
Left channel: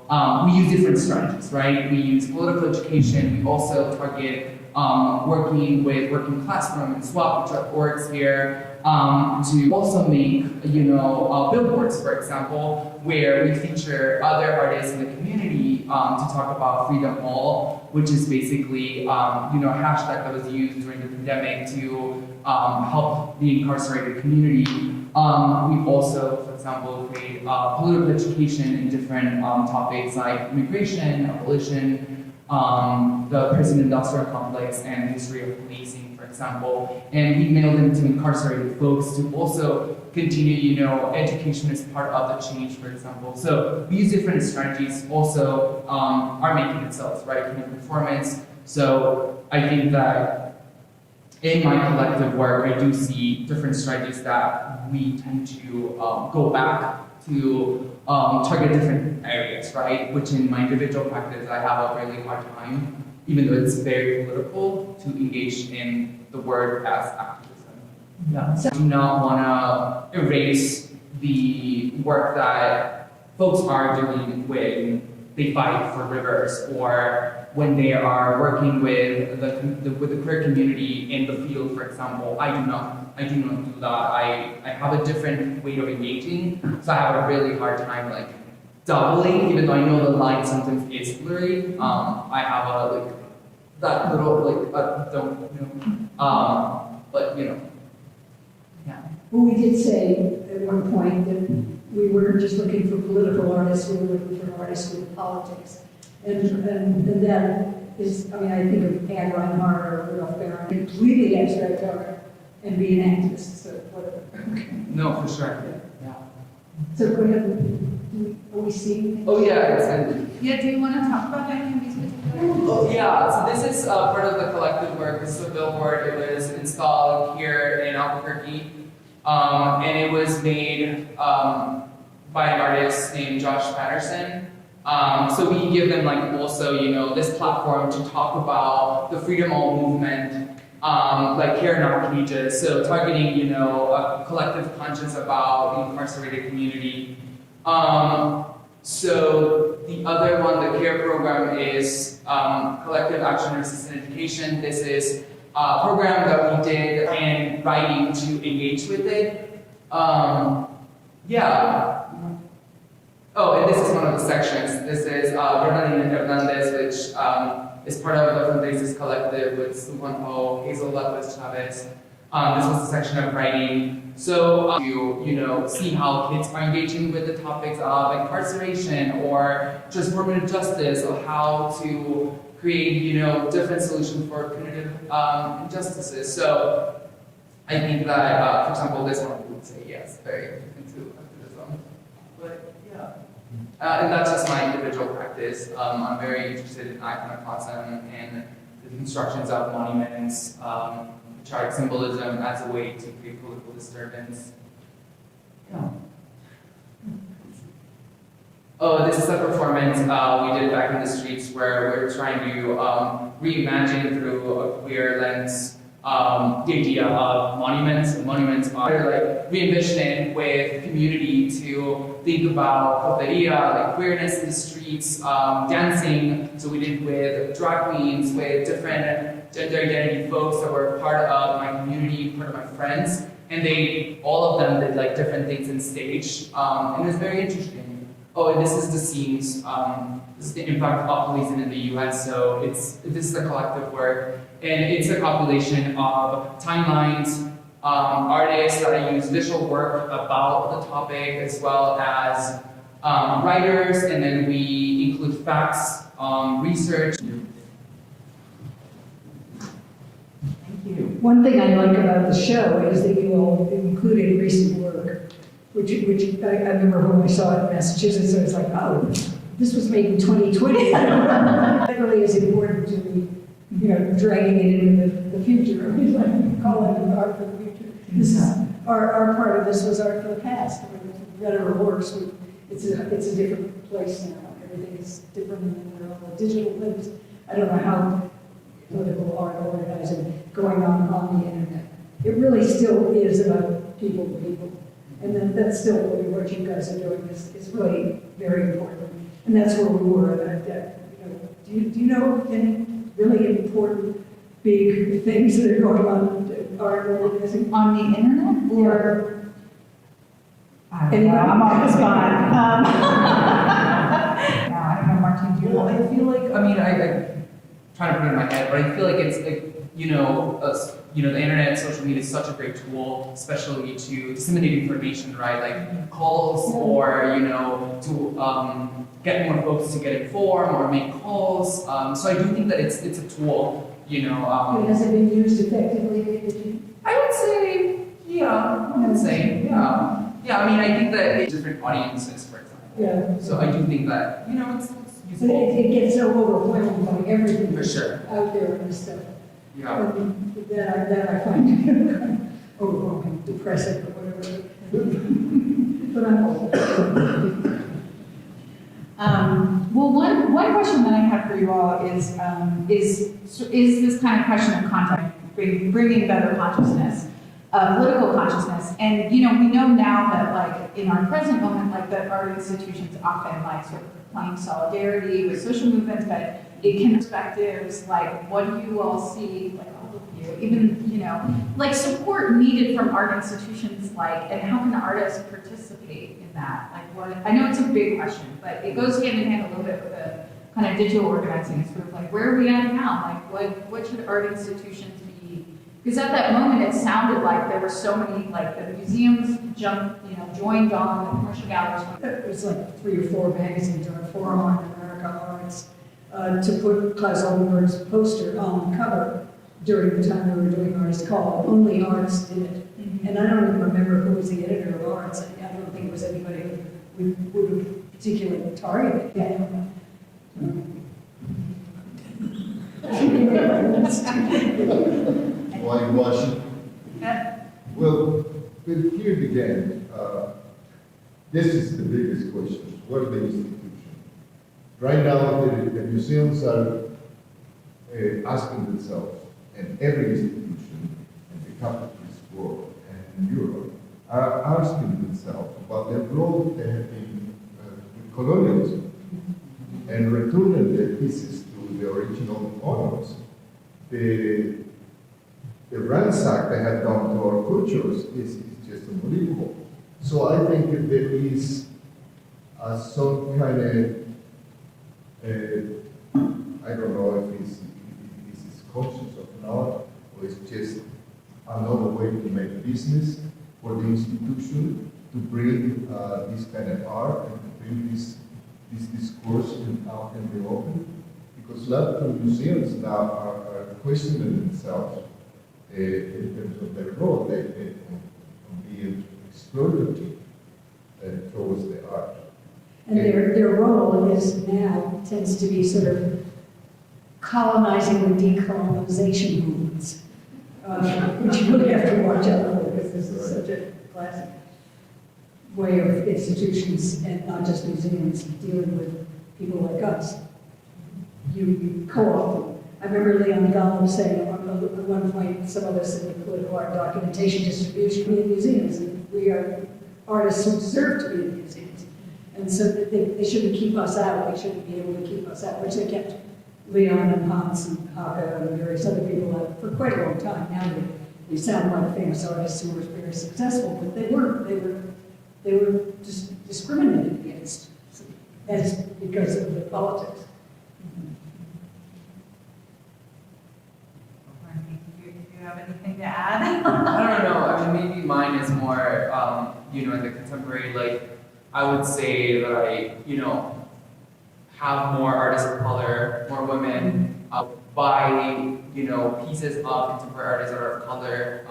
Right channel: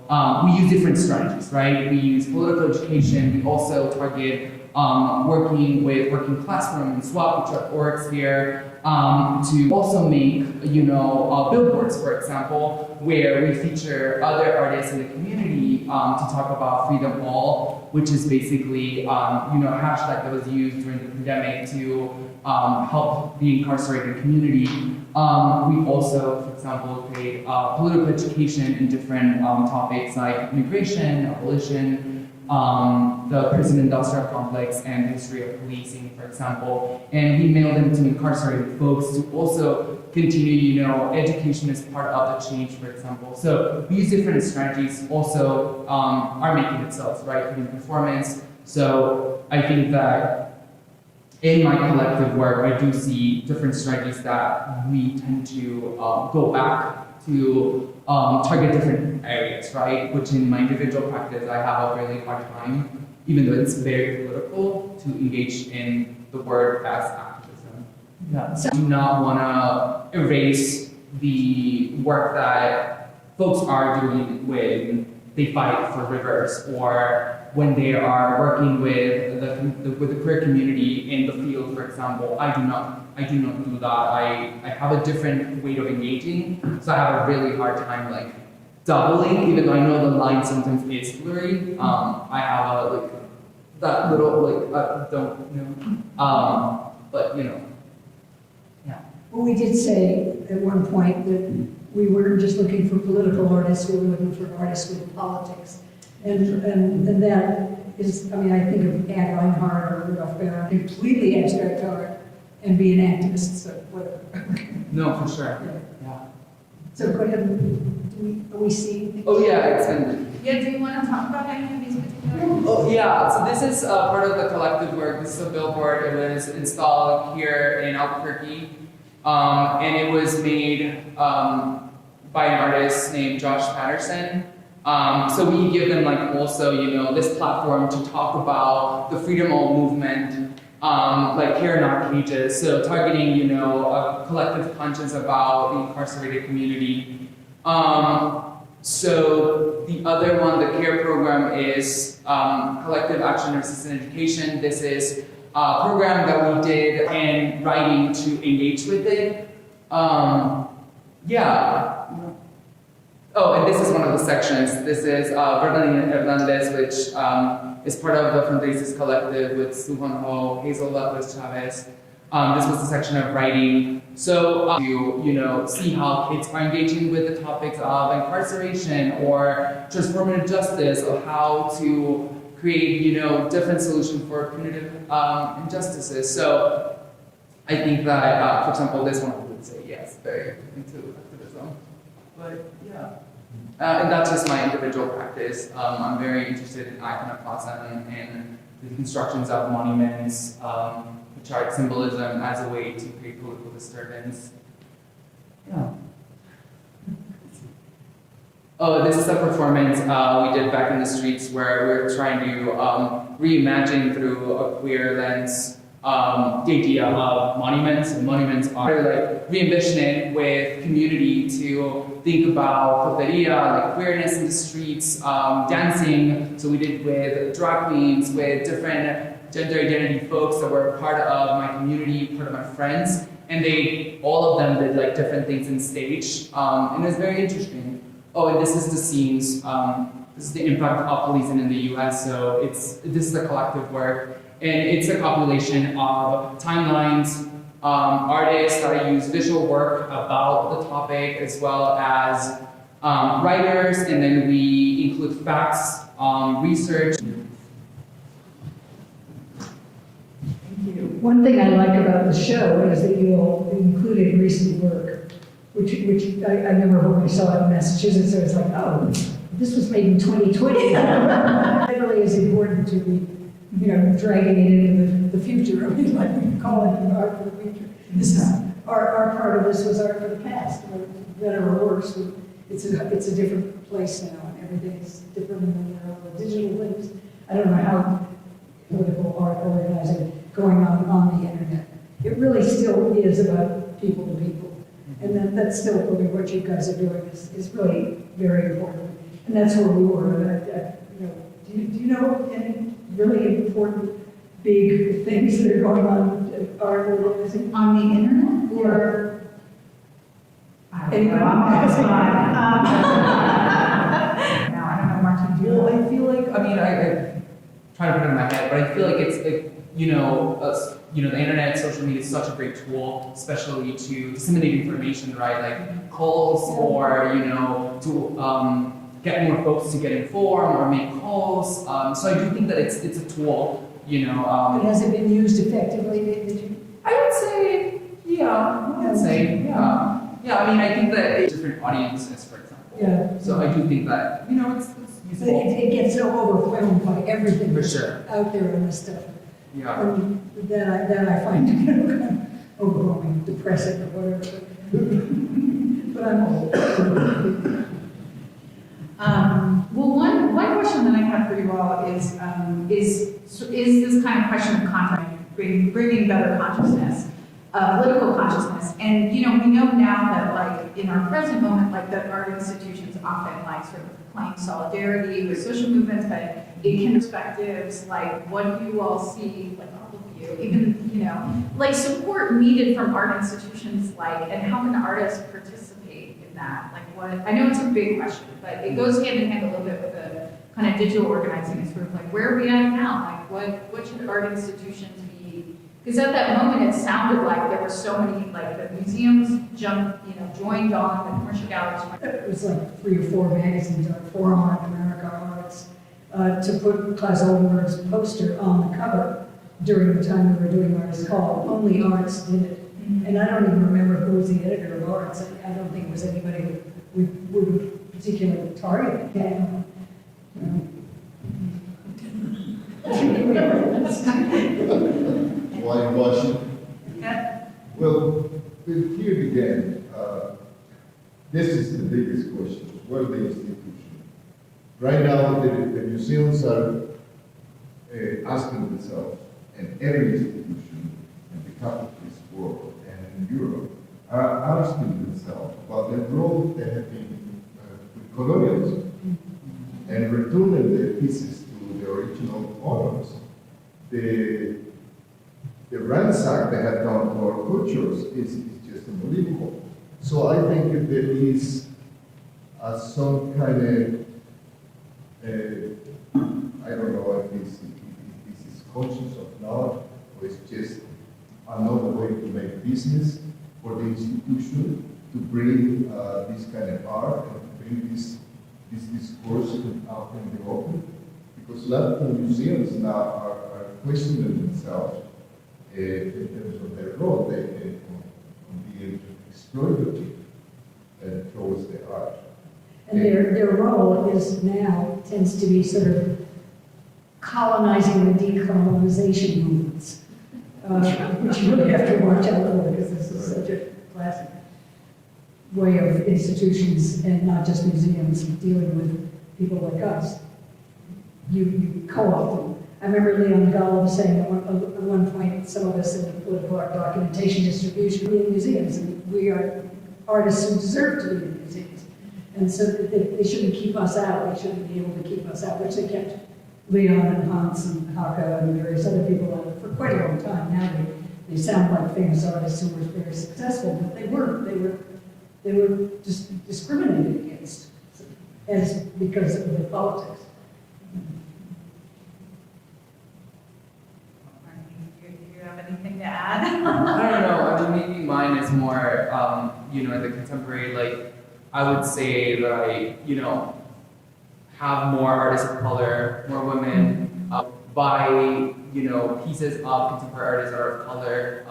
we use different strategies, right? We use political education. We also target working with Working Classroom and SWAP, which are orgs here, to also make, billboards, for example, where we feature other artists in the community to talk about Freedom Hall, which is basically, a hashtag that was used during the pandemic to help the incarcerated community. We also, for example, create political education in different topics like immigration, abolition, the prison industrial complex, and history of policing, for example. And we mail them to incarcerated folks to also continue, education is part of the change, for example. So we use different strategies, also art making itself, right, creating performance. So I think that in my collective work, I do see different strategies that we tend to go back to target different areas, right? Which in my individual practice, I have a really hard time, even though it's very political, to engage in the word as activism. Yeah. So I do not want to erase the work that folks are doing they fight for rivers, or when they are working with the queer community in the field, for example. I do not do that. I have a different way of engaging, so I have a really hard time like doubling, even though I know the line sometimes is blurry. I have a like that little like don't know, but you know, yeah. Well, we did say at one point that we weren't just looking for political artists, we were looking for artists with politics. And that is, I mean, I think of Anne Reinhardt or Rudolph Barron, completely abstract art, and be an activist, so whatever. No, for sure. Yeah. So go ahead, are we seeing? Oh yeah, it's been. Yeah, do you want to talk about any of these particular? Oh yeah, so this is part of the collective work. This is a billboard. It was installed here in Albuquerque, and it was made by an artist named Josh Patterson. So we give them like also, you know, this platform to talk about the Freedom All movement, like here in our pages. So targeting, you know, a collective conscience about the incarcerated community. So the other one, the CARE program, is Collective Action Resistant Education. This is a program that we did in writing to engage with it. Yeah. Oh, and this is one of the sections. This is Bernardina Hernandez, which is part of the Fundraisers Collective with Suhan Ho, Hazel Lopez Chavez. This was a section of writing. So you know, see how kids are engaging with the topics of incarceration or transformative justice, of how to create, you know, different solutions for punitive injustices. So I think that, for example, this one would say yes, very into activism. But yeah. And that's just my individual practice. I'm very interested in iconoclasm and the constructions of monuments, chart symbolism as a way to create political disturbance. Yeah. Oh, this is a performance we did back in the streets where we're trying to reimagine through a queer lens the idea of monuments. And monuments are like re-envision it with community to think about poteria, like queerness in the streets, dancing. So we did with drag queens, with different gender identity folks that were part of my community, part of my friends, and they, all of them did like different things in stage, and it was very interesting. Oh, and this is the scenes, this is the impact of policing in the US, so this is a collective work, and it's a compilation of timelines, artists that use visual work about the topic, as well as writers, and then we include facts, research. One thing I like about the show is that you all included recent work, which I remember when I saw it in Massachusetts, I was like, oh, this was made in 2020. It really is important to be, you know, dragging it into the future. I mean, like we call it art for the future. This is our part of this was art for the past, or better or worse. It's a different place now. Everything's different in the digital things. I don't know how political art organizing going on the internet. It really still is about people to people. And then that's still really what you guys are doing is really very important. And that's where we were. Do you know any really important big things that are going on in art organizing? On the internet? Or I don't Anybody? know, I'm on the spot. Yeah, I don't know, Martin, do you Well, know? I feel like, I mean, I try to put it in my head, but I feel like it's, you know, the internet and social media is such a great tool, especially to disseminate information, right? Like calls or, you know, to get more folks to get informed or make calls. So I do think that it's a tool, you know. But has it been used effectively? I would say, yeah, I would say, yeah. Yeah, I mean, I think that it's different audiences, for example. Yeah. So I do think that, you know, it's But useful. it gets so overwhelmed by everything For that's sure. out there in this stuff. Yeah. That I find to be kind of overwhelming, depressing, or whatever. But I'm old. Well, one question that I have for you all is this kind of question of content, bringing better consciousness. political consciousness. And, we know now that, like, in our present moment, like, the art institutions often, like, sort of playing solidarity with social movements, but it can perspectives, like, what do you all see, like, all of you, even, like, support needed from art institutions, like, and how can artists participate in that? Like, what, I know it's a big question, but it goes hand in hand a little bit with the kind of digital organizing. It's sort of like, where are we at now? Like, what should art institutions be? Because at that moment, it sounded like there were so many, like, the museums joined on, the commercial galleries. It was like 3 or 4 magazines on Forum on America Arts to put Klaus Oldenburg's poster on the cover during the time we were doing Artist Call. Only artists did it. Mm-hmm. And I don't even remember who was the editor of Arts. I don't think it was anybody we would particularly target. Yeah. Whitewashing. Yeah. Well, here again, this is the biggest question. What are the institutions? Right now, the museums are asking themselves, and every institution in the capitalist world and in Europe are asking themselves about the role they have been with colonialism and returning their pieces to the original owners. The ransack they have done to our cultures is just unbelievable. So I think if there is some kind of, I don't know if this is conscious or not, or it's just another way to make business for the institution to bring this kind of art and to bring this discourse out in the open. Because a lot of museums now are questioning themselves in terms of their role in being exploitative towards the art. And their role is now tends to be sort of colonizing the decolonization movements, which you really have to watch out for because this is such a classic way of institutions and not just museums dealing with people like us. You co-opt them. I remember Leon Gollum saying at one point, some of us in the political art documentation distribution in museums, and we are artists who deserve to be in museums. And so they shouldn't keep us out, they shouldn't be able to keep us out, which they kept Leon and Hans and Haka and various other people out for quite a long time. Now they sound like famous artists who were very successful, but they weren't. They were just discriminated against as because of the politics. Anything to add? I don't know. I mean, maybe mine is more, in the contemporary, like, I would say that I, have more artists of color, more women, buy, pieces of contemporary artists that are of color,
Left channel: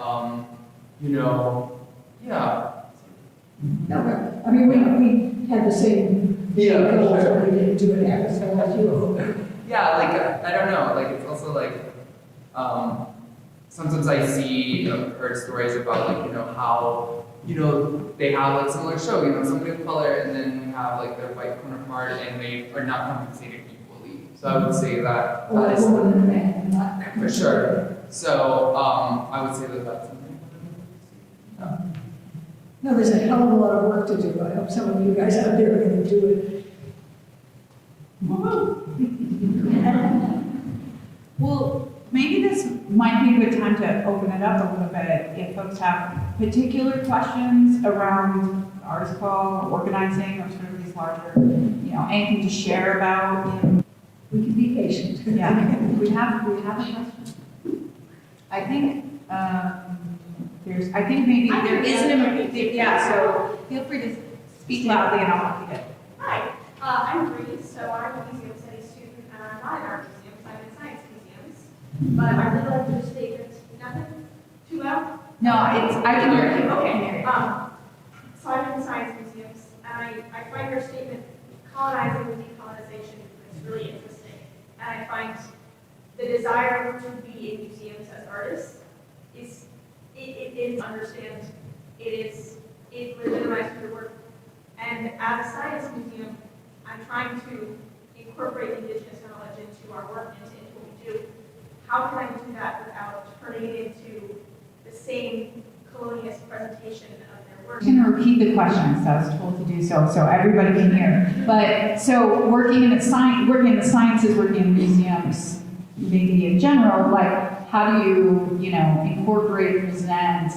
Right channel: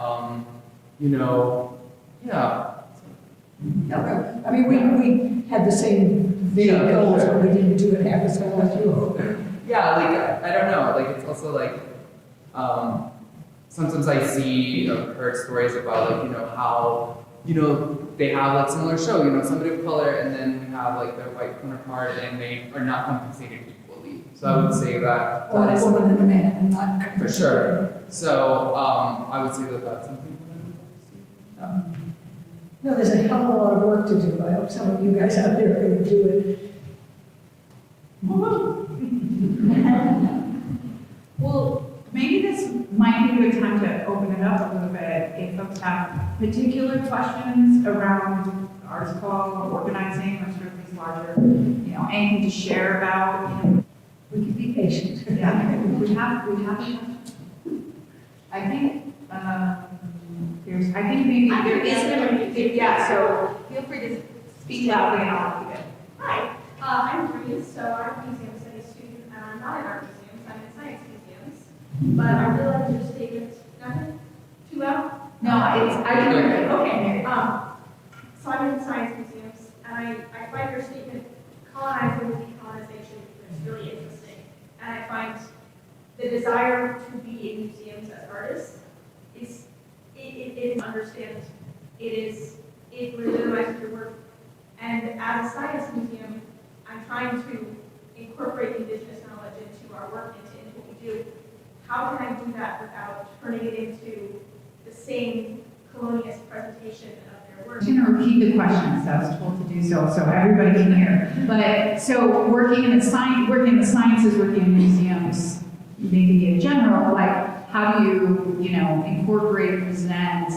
yeah. No, I mean, we had the same video goals, but we didn't do it half as well as you. Yeah, like, I don't know, like, it's also like, sometimes I see, heard stories about, like, how, they have, like, similar show, somebody of color, and then we have, like, their white counterpart, and they are not compensated equally. So I would say that Or that a is woman and a man, and not for sure. So I would say that that's something. No, there's a hell of a lot of work to do. I hope some of you guys out there are going to do it. Well, maybe this might be a good time to open it up a little bit if folks have particular questions around arts call or organizing or sort of these larger, anything to share about. We can be patient. Yeah, we have a question. I think maybe there is yeah, so feel free to speak loudly and I'll have to get. Hi, I'm Bree, so I'm a museum studies student, not in art museums, I'm in science museums. But I really like your statement, nothing too loud? No, I can hear you. Okay, so I'm in science museums, and I find your statement, colonizing with decolonization, is really interesting. And I find the desire to be in museums as artists is understand it legitimizes your work. And as a science museum, I'm trying to incorporate indigenous knowledge into our work and into what we do. How can I do that without turning it into the same harmonious presentation of their work. I'm going to repeat the questions. I was told to do so everybody can hear. But so working in the sciences, working in museums, maybe in general, like how do you, incorporate and present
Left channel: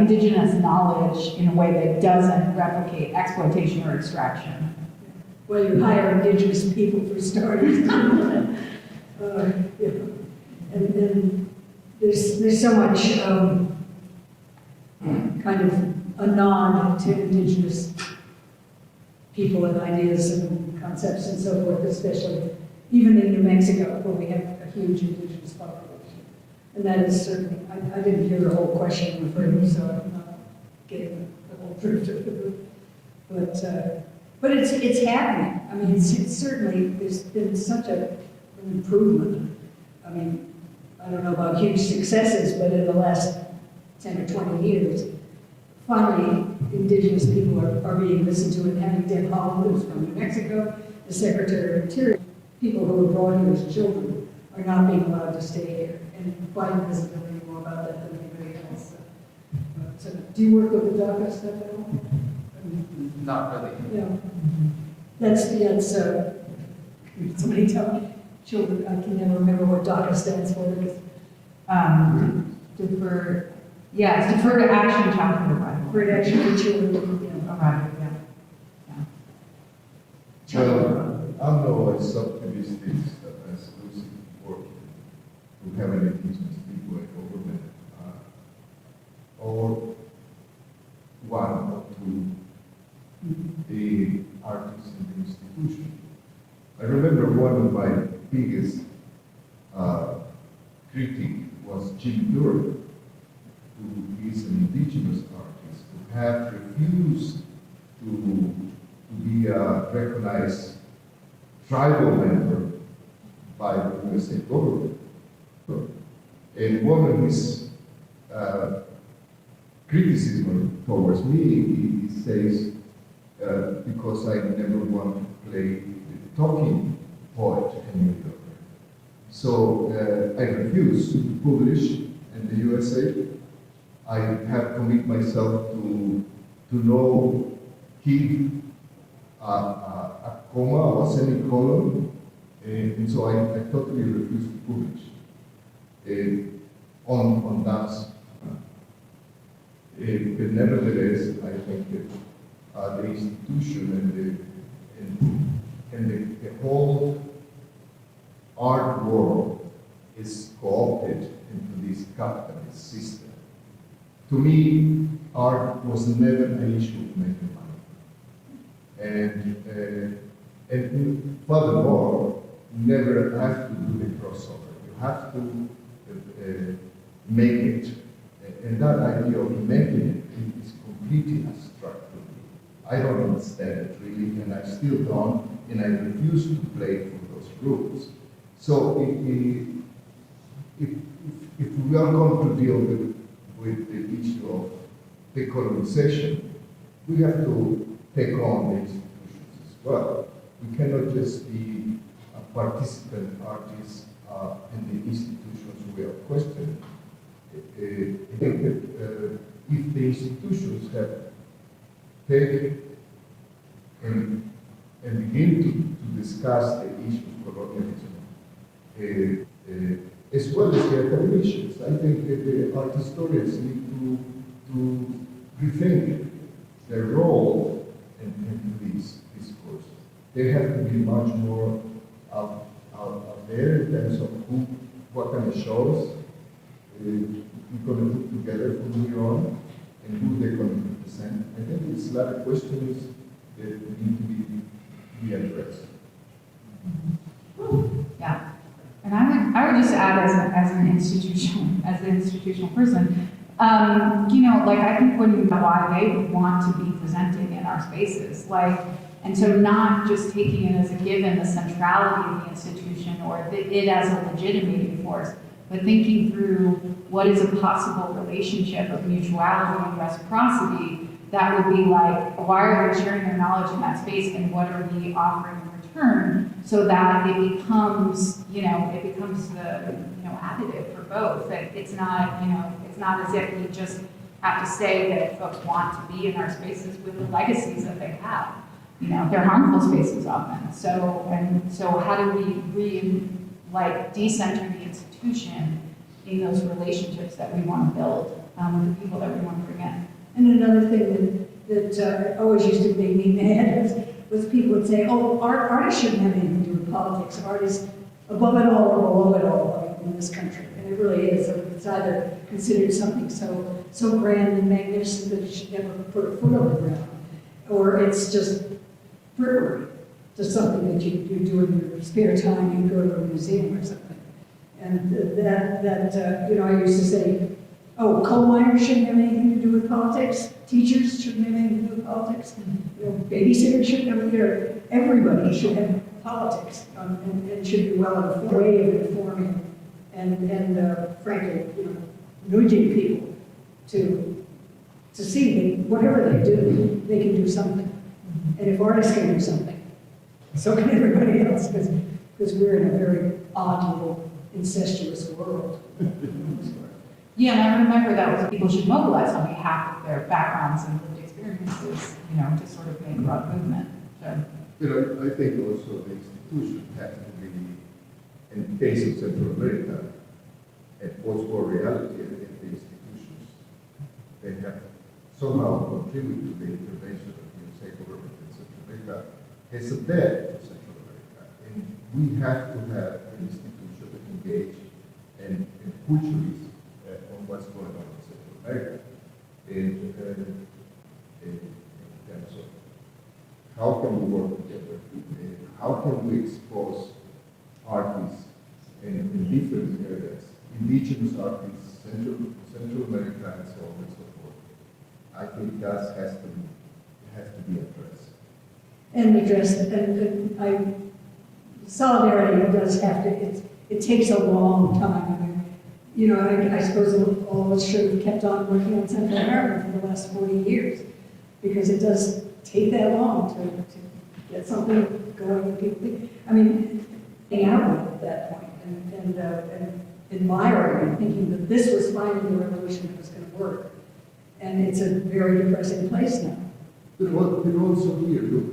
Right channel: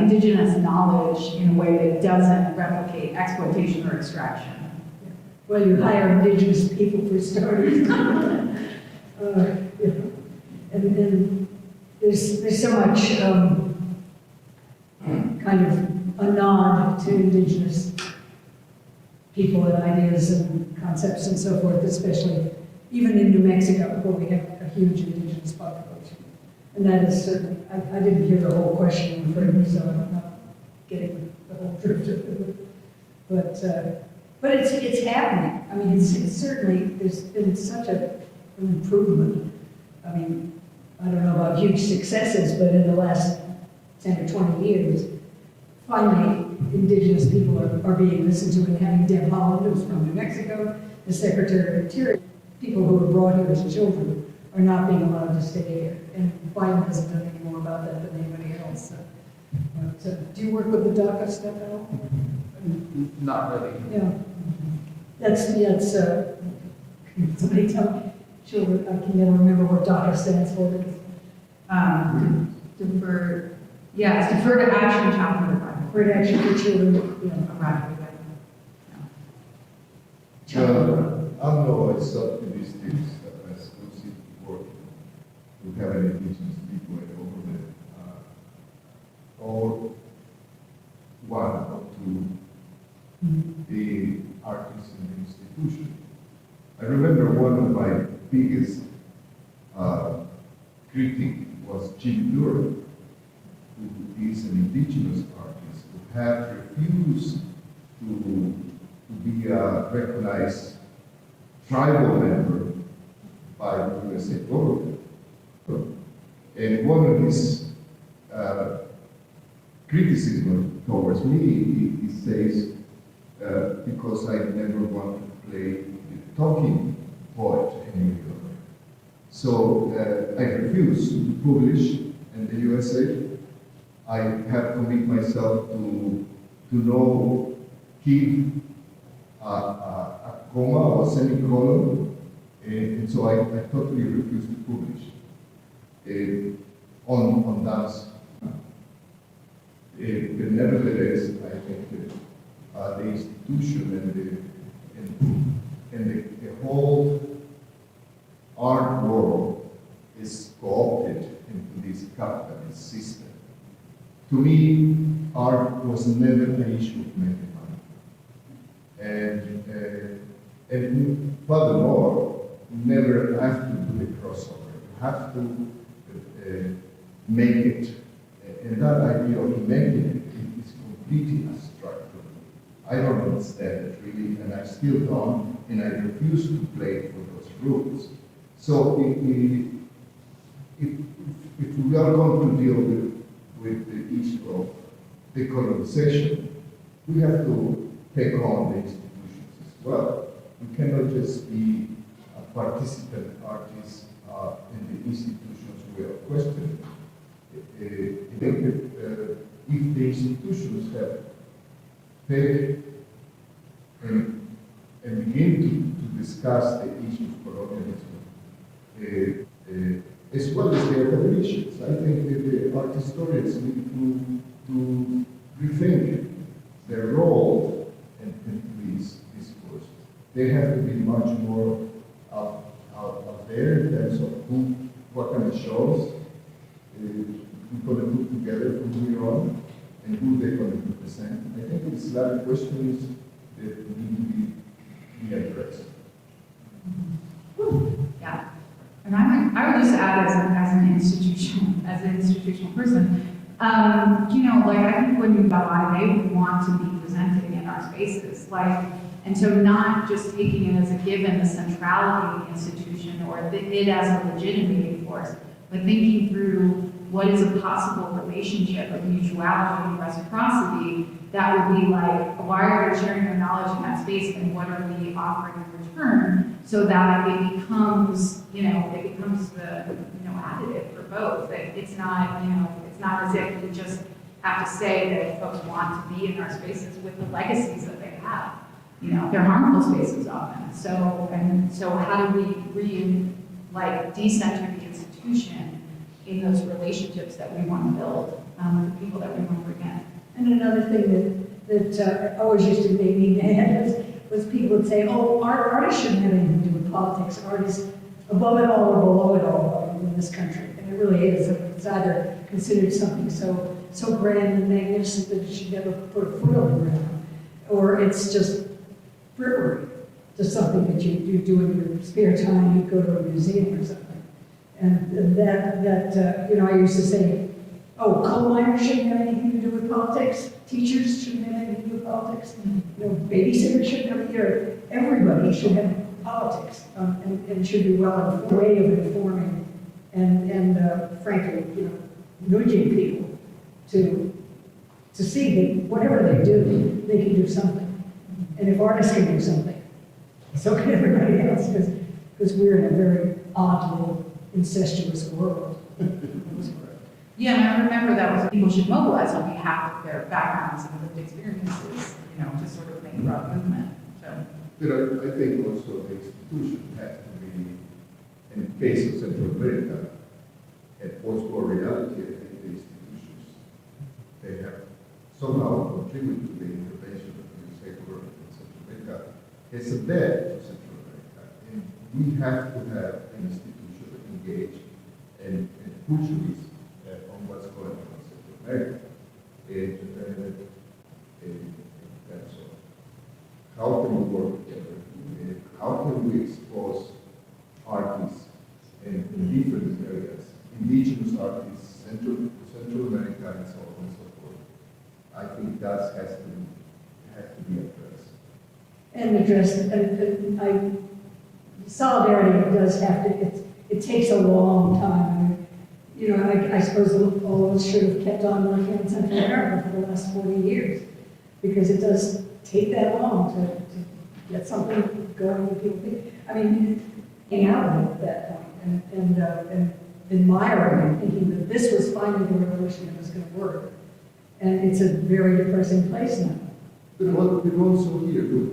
indigenous knowledge in a way that doesn't replicate exploitation or extraction? Well, you hire indigenous people for starters. And there's so much kind of a nod to indigenous people and ideas and concepts and so forth, especially even in New Mexico, where we have a huge indigenous population. And that is certainly, I didn't hear the whole question, I'm afraid, so I'm not getting the whole truth of it. But it's happening. I mean, it's certainly, there's been such an improvement. I mean, I don't know about huge successes, but in the last 10 or 20 years, finally, indigenous people are being listened to, and having Deb Holland, who's from New Mexico, the Secretary of Interior, people who were brought here as children are not being allowed to stay here. And Biden doesn't know any more about that than anybody else. So, do you work with the DACA stuff at all? Not really. Yeah. That's somebody tell me. Children, I can never remember what DACA stands for. Deferred action child revival. Deferred action for children. I'm not as optimistic as Lucy before to have any indigenous people over there. Or one or two the artists in the institution. I remember one of my biggest critic was Jim Durham, who is an indigenous artist who had refused to be a recognized tribal member by the USA government. And one of his criticism towards me, he says, because I never want to play the talking poet anymore. So I refused to publish in the USA. I have committed myself to know, keep a comma or semicolon, and so I totally refused to publish on dance. But nevertheless, I think that the institution and the whole art world is co-opted into this capitalist system. To me, art was never an issue of making money. And furthermore, never have to do the crossover. You have to make it. And that idea of making it is completely abstract to me. I don't understand it really, and I still don't, and I refuse to play for those rules. So if we are going to deal with the issue of decolonization, we have to take on the institutions as well. We cannot just be a participant artist in the institutions we are questioning. I think that if the institutions have take and begin to discuss the issues of colonialism, as well as the other issues, I think that the art historians need to rethink their role in this discourse. They have to be much more out there in terms of what kind of shows we're going to put together from here on, and who they're going to represent. I think it's a lot of questions that need to be addressed. Yeah, and I would just add as an institutional person, I think when why they would want to be presented in our spaces, and so not just taking it as a given the centrality of the institution or it as a legitimating force, but thinking through what is a possible relationship of mutuality and reciprocity that would be why are we sharing our knowledge in that space and what are we offering in return so that it becomes, the additive for both. It's not, It's not as if we just have to say that folks want to be in our spaces with the legacies that they have. You know, they're harmful spaces often. So how do we decenter the institution in those relationships that we want to build with the people that we want to bring in? And another thing that always used to make me mad was people would say, oh, artists shouldn't have anything to do with politics. Artists above it all or below it all in this country. And it really is. It's either considered something so grand and magnificent that it should never put a foot on the ground, or it's just frippery, just something that you do in your spare time. You go to a museum or something. And that you know, I used to say, oh, coal miners shouldn't have anything to do with politics. Teachers shouldn't have anything to do with politics. You know, babysitters shouldn't have here. Everybody should have politics and should be well in a way of informing and frankly, you know, nudging people to see that whatever they do, they can do something. And if artists can do something, so can everybody else, because we're in a very odd little incestuous world. Yeah, and I remember that was people should mobilize on behalf of their backgrounds and lived experiences, you know, to sort of make broad movement. So. But I think also the institution has to be, in the case of Central America, a post-war reality of the institutions. They have somehow contributed to the intervention of the state government in Central America. It's a bad for Central America. And we have to have an institution engaged and push this on what's going on in Central America. And so, how can we work together? How can we expose artists in different areas, indigenous artists, Central America, and so on and so forth? I think that has to be addressed. And addressed, solidarity does have to, it takes a long time. I mean, you know, I suppose all of us should have kept on working on Central America for the last 40 years, because it does take that long to get something going with people. I mean, out at that point, and admiring, thinking that this was finally the revolution that was going to work. And it's a very depressing place now. But also here, look,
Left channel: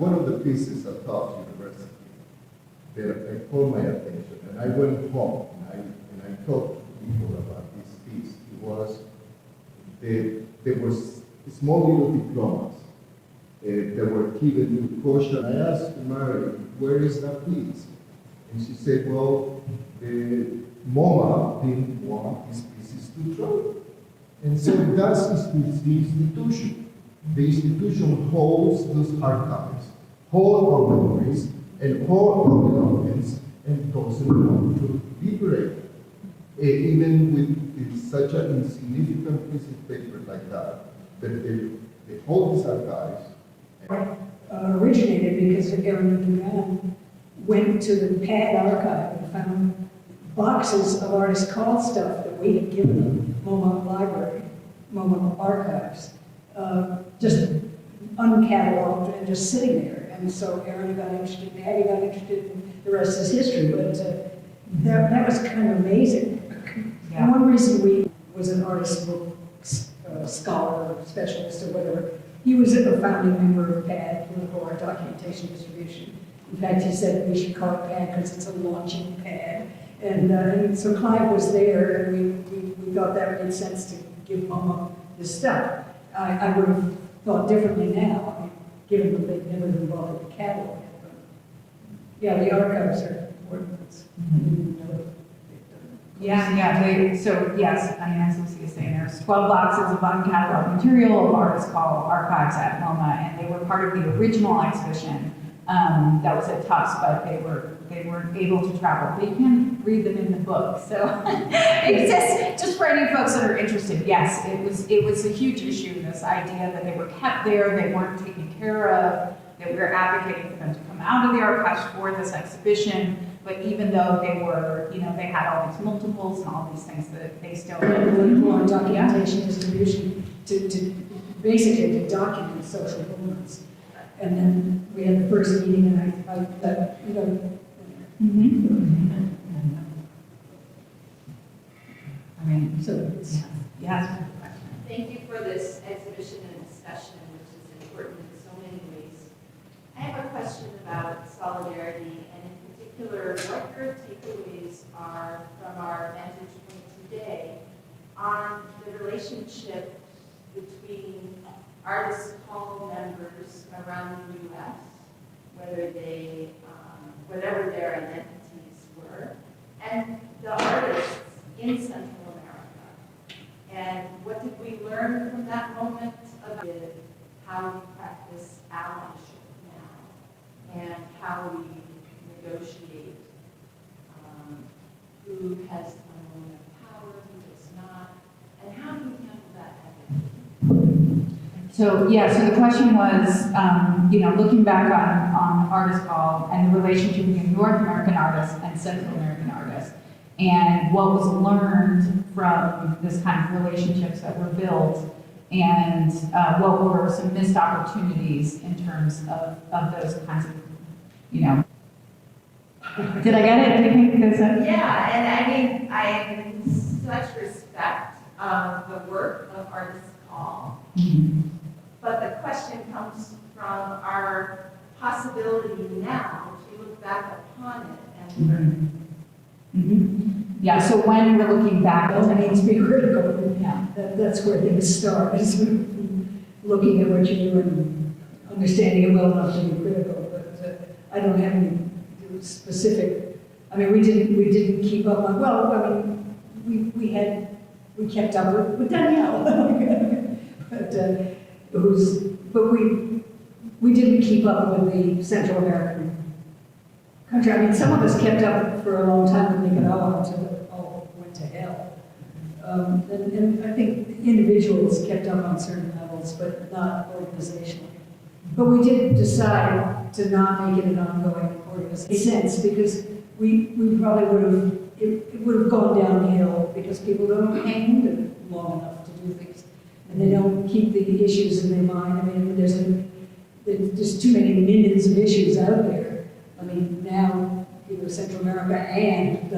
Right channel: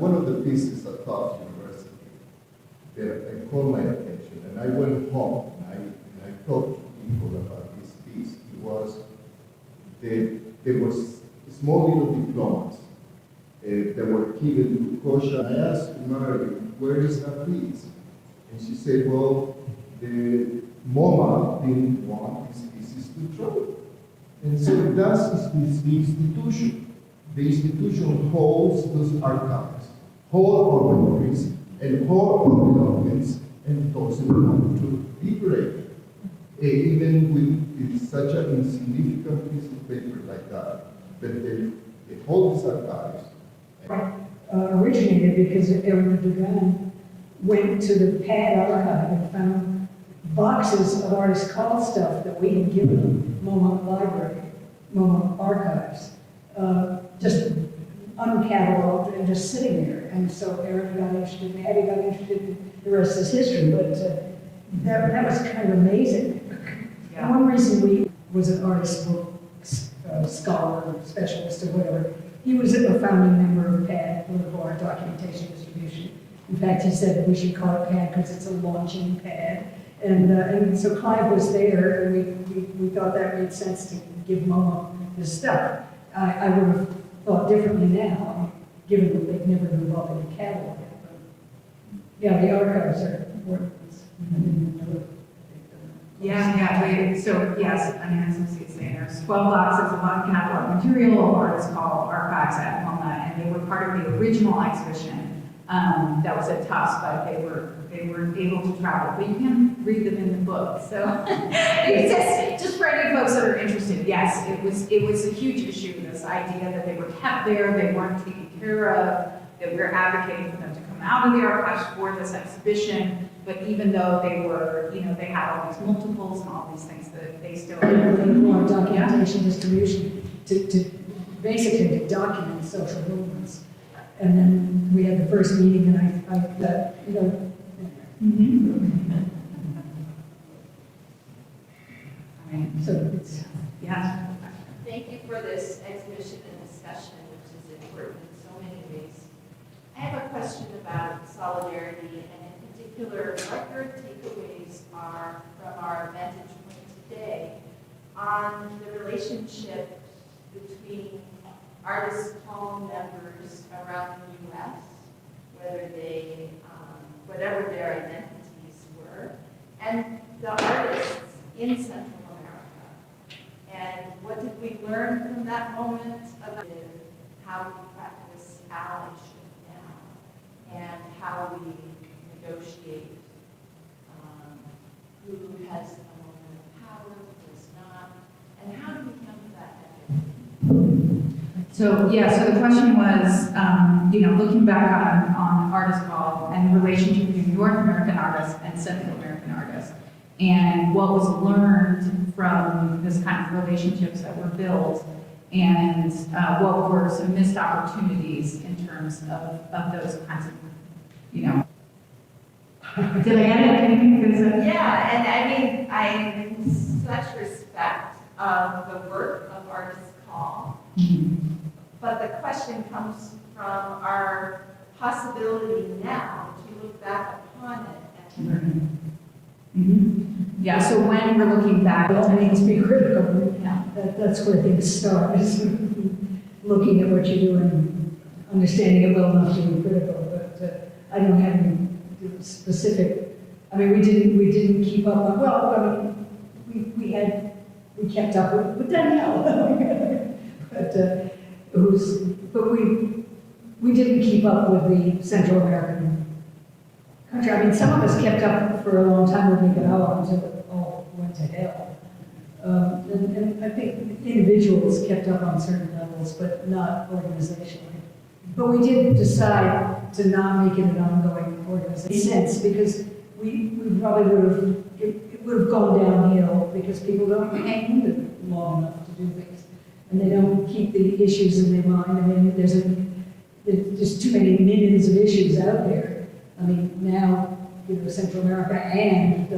one of the pieces of Tufts University that caught my attention, and I went home and I talked to people about this piece. It was there was small little diplomas that were given to Kosha. I asked Mary, where is that piece? And she said, well, the MoMA didn't want these pieces to throw. And so that's the institution. The institution holds those archives, holds our memories, and holds our belongings, and doesn't want to liberate. Even with such an insignificant piece of paper like that, they hold these archives. Originated because Aaron Dugan went to the PAD archive and found boxes of artist call stuff that we had given them, MoMA Library, MoMA Archives, just uncatalogued and just sitting there. And so Aaron got interested, Patty got interested, and the rest is history. But that was kind of amazing. Yeah. And one reason we was an artist book scholar, specialist, or whatever. He was a founding member of PAD, Political Art Documentation Distribution. In fact, he said we should call it PAD because it's a launching pad. And so Clive was there, and we thought that made sense to give MoMA this stuff. I would have thought differently now, given that they've never been involved in the catalog. Yeah, the archives are important. So yes, I mean, as Lucy is saying, there's 12 boxes of uncatalogued material of artists called archives at MoMA, and they were part of the original exhibition that was at Tufts, but they weren't able to travel. But you can read them in the book. So it's just for any folks that are interested. Yes, it was a huge issue. This idea that they were kept there, they weren't taken care of, that we were advocating for them to come out of the archives for this exhibition. But even though they were, you know, they had all these multiples and all these things that they still more documentation distribution to basically to document social movements. And then we had the first meeting, and I you know. I mean, So Yes. Thank you for this exhibition and discussion, which is important in so many ways. I have a question about solidarity, and in particular, what your takeaways are from our vantage point today on the relationship between artist home members around the U.S., whether they, whatever their identities were, and the artists in Central America. And what did we learn from that moment of how we practice allyship now, and how we negotiate who has power, who does not, and how do we handle that? So, yeah, so the question was, looking back on Artist Hall and the relationship between North American artists and Central American artists, and what was learned from this kind of relationships that were built, and what were some missed opportunities in terms of those kinds of, Did I get it? Do you think there's Yeah, and I mean, I'm in such respect of the work of Artist Hall, but the question comes from our possibility now to look back upon it and learn. Yeah, so when we're looking back, By all means, be critical. yeah. That's where things start, is looking at what you do and understanding it well enough to be critical. But I don't have any specific. I mean, we didn't keep up on. Well, I mean, we kept up with Danielle, but we didn't keep up with the Central American country. I mean, some of us kept up for a long time with Nicaragua until it all went to hell. And I think individuals kept up on certain levels, but not organizationally. But we did decide to not make it an ongoing organization because we probably would have gone downhill because people don't hang with it long enough to do things. And they don't keep the issues in their mind. I mean, there's too many millions of issues out there. I mean, now, Central America and